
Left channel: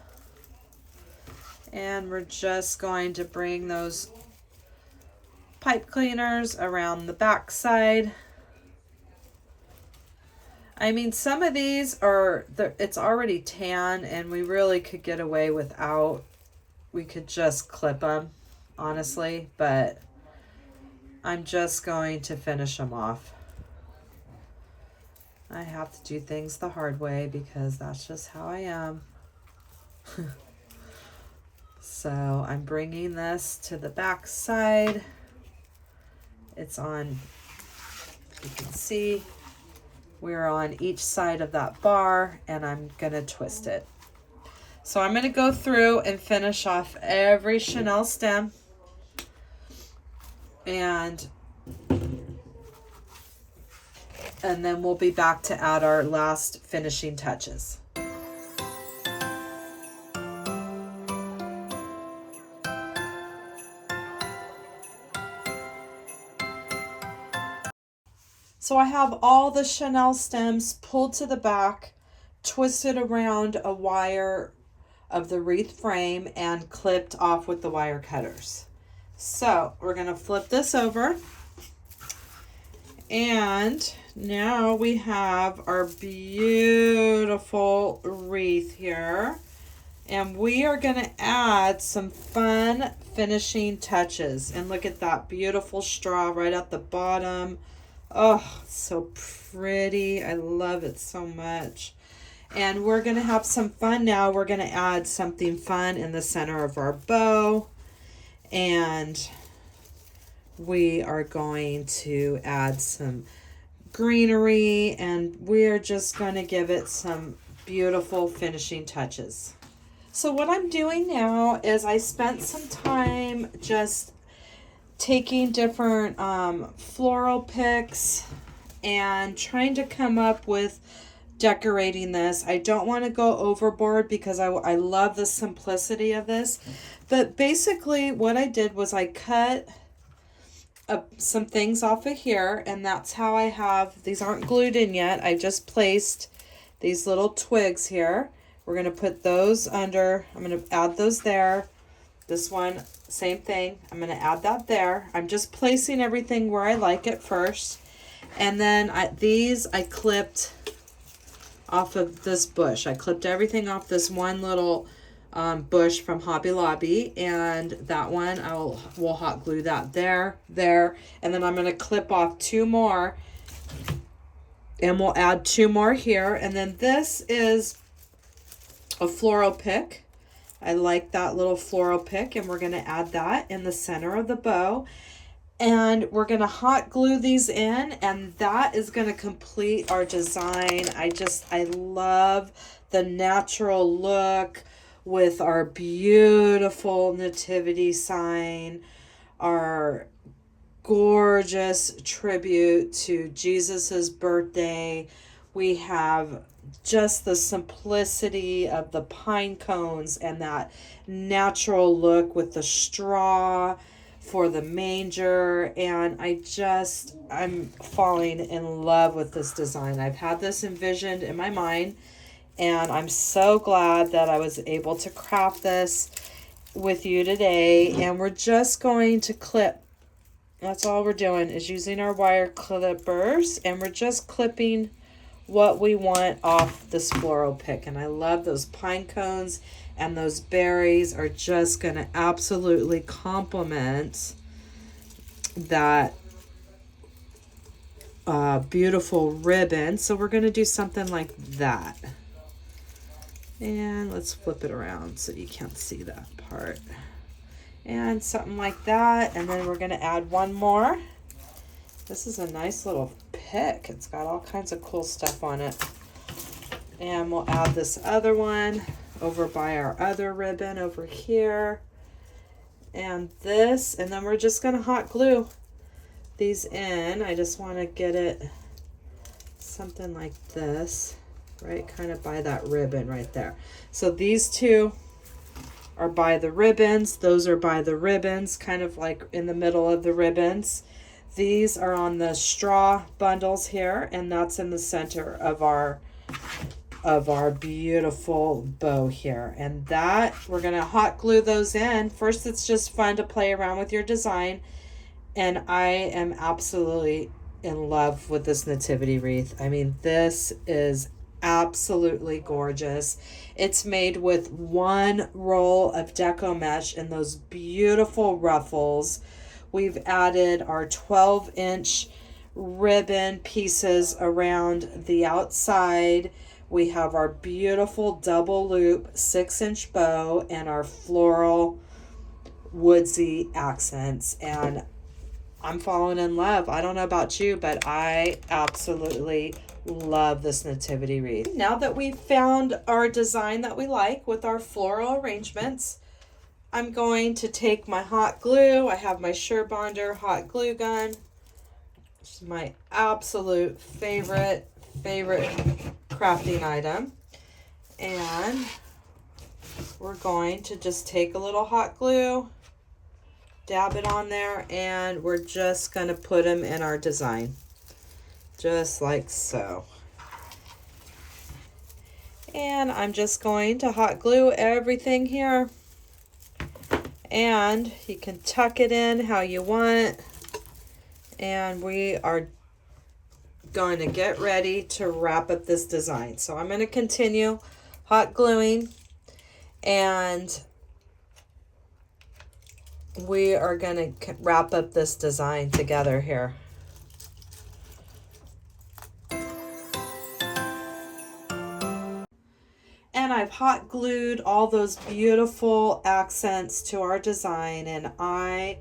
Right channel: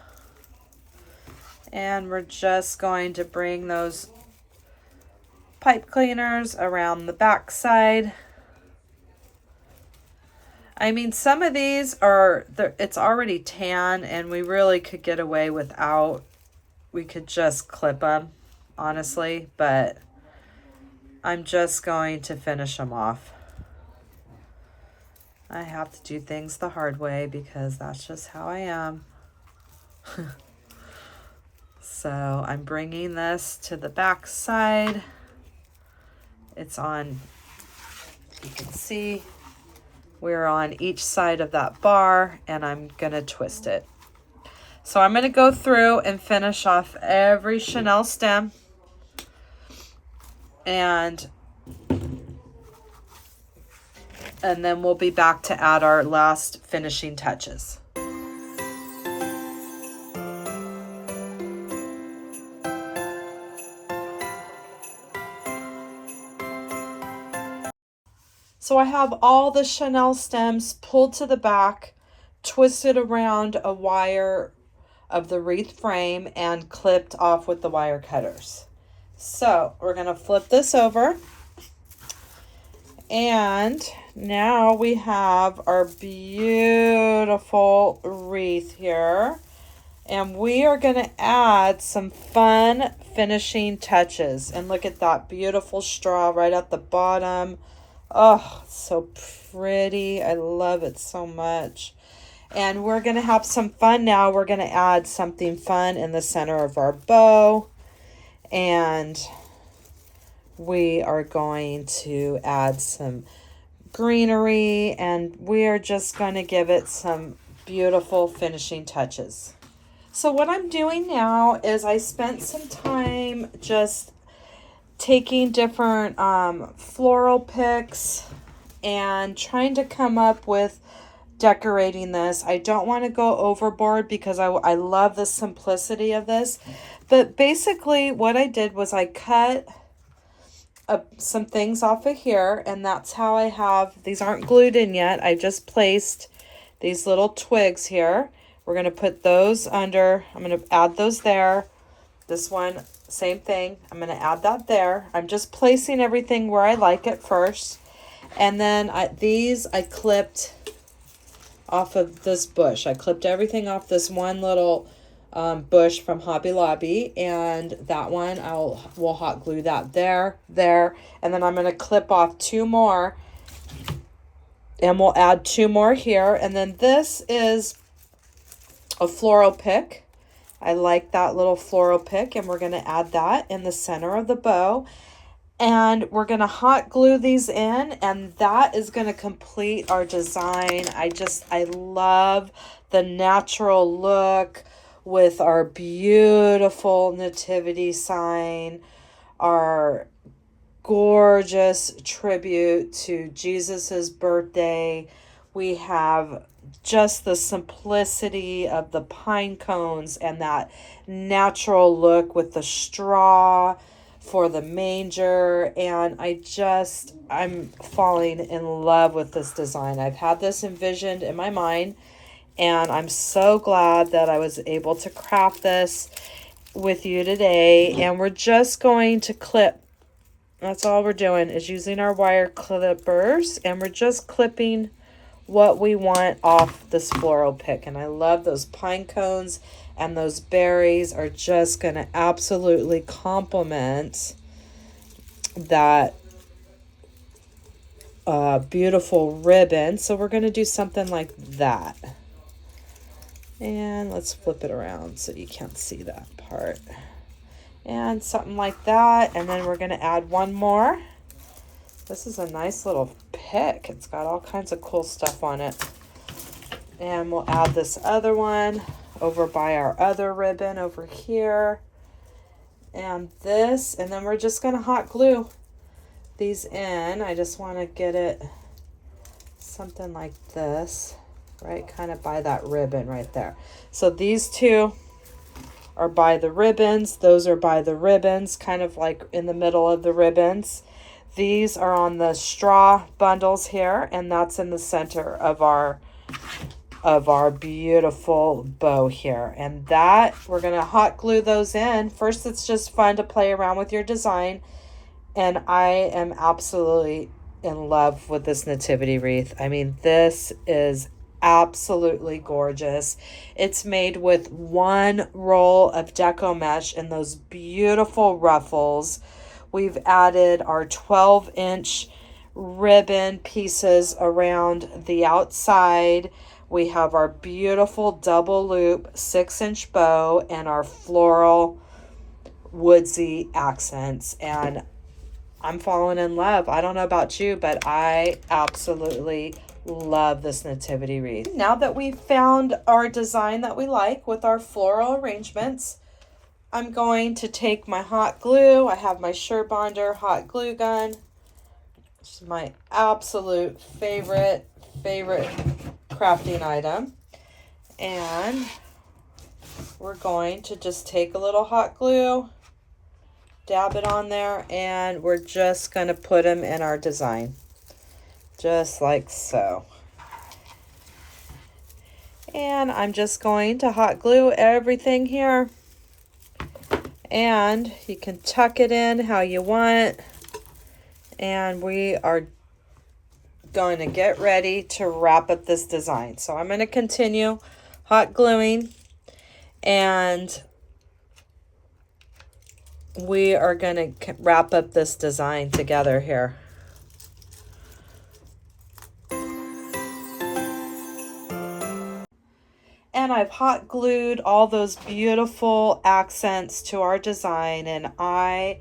And we're just going to bring those pipe cleaners around the back side. I mean, some of these are, it's already tan and we really could get away without, we could just clip them, honestly, but I'm just going to finish them off. I have to do things the hard way because that's just how I am. So I'm bringing this to the back side. It's on, you can see, we're on each side of that bar, and I'm going to twist it. So I'm going to go through and finish off every Chanel stem. And and then we'll be back to add our last finishing touches. So I have all the chenille stems pulled to the back, twisted around a wire of the wreath frame, and clipped off with the wire cutters. So we're going to flip this over, and now we have our beautiful wreath here, and we are going to add some fun finishing touches. And look at that beautiful straw right at the bottom. Oh, so pretty. I love it so much. And we're going to have some fun now. We're going to add something fun in the center of our bow. And we are going to add some greenery. And we are just going to give it some beautiful finishing touches. So what I'm doing now is I spent some time just taking different floral picks and trying to come up with decorating this. I don't want to go overboard because I love the simplicity of this. But basically what I did was I cut some things off of here, and that's how I have, these aren't glued in yet. I just placed these little twigs here. We're going to put those under, I'm going to add those there. This one, same thing. I'm going to add that there. I'm just placing everything where I like it first. And then these I clipped off of this bush. I clipped everything off this one little bush from Hobby Lobby. And that one, we'll hot glue that there. And then I'm going to clip off 2 more. And we'll add 2 more here. And then this is a floral pick. I like that little floral pick, and we're going to add that in the center of the bow. And we're going to hot glue these in, and that is going to complete our design. I love the natural look with our beautiful nativity sign, our gorgeous tribute to Jesus's birthday. We have just the simplicity of the pine cones and that natural look with the straw for the manger. And I'm falling in love with this design. I've had this envisioned in my mind, and I'm so glad that I was able to craft this with you today. And we're just going to clip. That's all we're doing, is using our wire clippers, and we're just clipping what we want off this floral pick. And I love those pine cones, and those berries are just going to absolutely complement that beautiful ribbon. So we're going to do something like that. And let's flip it around so you can't see that part. And something like that. And then we're going to add one more. This is a nice little pick. It's got all kinds of cool stuff on it. And we'll add this other one over by our other ribbon over here. And this, and then we're just going to hot glue these in. I just want to get it something like this, right? Kind of by that ribbon right there. So these two are by the ribbons. Those are by the ribbons, kind of like in the middle of the ribbons. These are on the straw bundles here, and that's in the center of our beautiful bow here. And that, we're going to hot glue those in. First, it's just fun to play around with your design. And I am absolutely in love with this nativity wreath. I mean, this is absolutely gorgeous. It's made with 1 roll of deco mesh and those beautiful ruffles. We've added our 12-inch ribbon pieces around the outside. We have our beautiful double loop 6-inch bow and our floral woodsy accents. And I'm falling in love. I don't know about you, but I absolutely love this nativity wreath. Now that we've found our design that we like with our floral arrangements, I'm going to take my hot glue. I have my Surebonder hot glue gun. This is my absolute favorite crafting item. And we're going to just take a little hot glue, dab it on there, and we're just going to put them in our design. Just like so. And I'm just going to hot glue everything here. And you can tuck it in how you want. And we are going to get ready to wrap up this design. So I'm going to continue hot gluing, and we are going to wrap up this design together here. And I've hot glued all those beautiful accents to our design, and I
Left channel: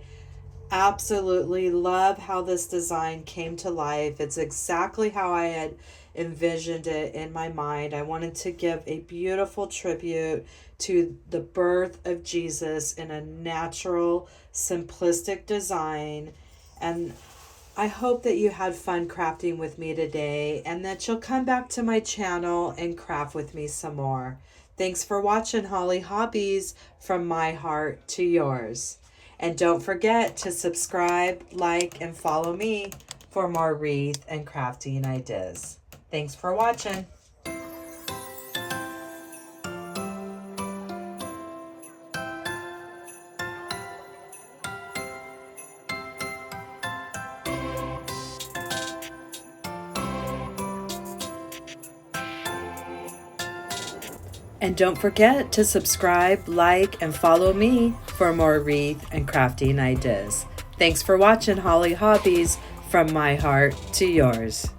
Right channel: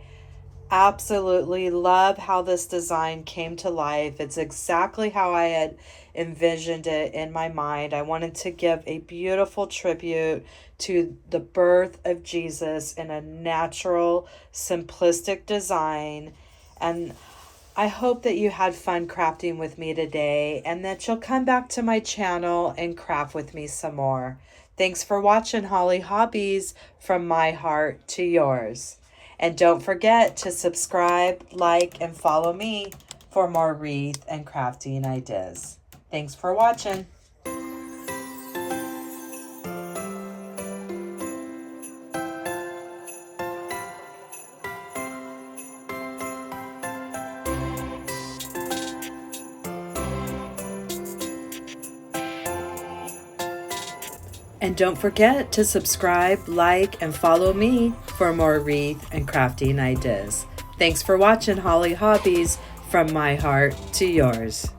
absolutely love how this design came to life. It's exactly how I had envisioned it in my mind. I wanted to give a beautiful tribute to the birth of Jesus in a natural, simplistic design. And I hope that you had fun crafting with me today, and that you'll come back to my channel and craft with me some more. Thanks for watching Holly Hobbies, from my heart to yours. And don't forget to subscribe, like, and follow me for more wreath and crafting ideas. Thanks for watching. And don't forget to subscribe, like, and follow me for more wreath and crafting ideas. Thanks for watching Holly Hobbies, from my heart to yours.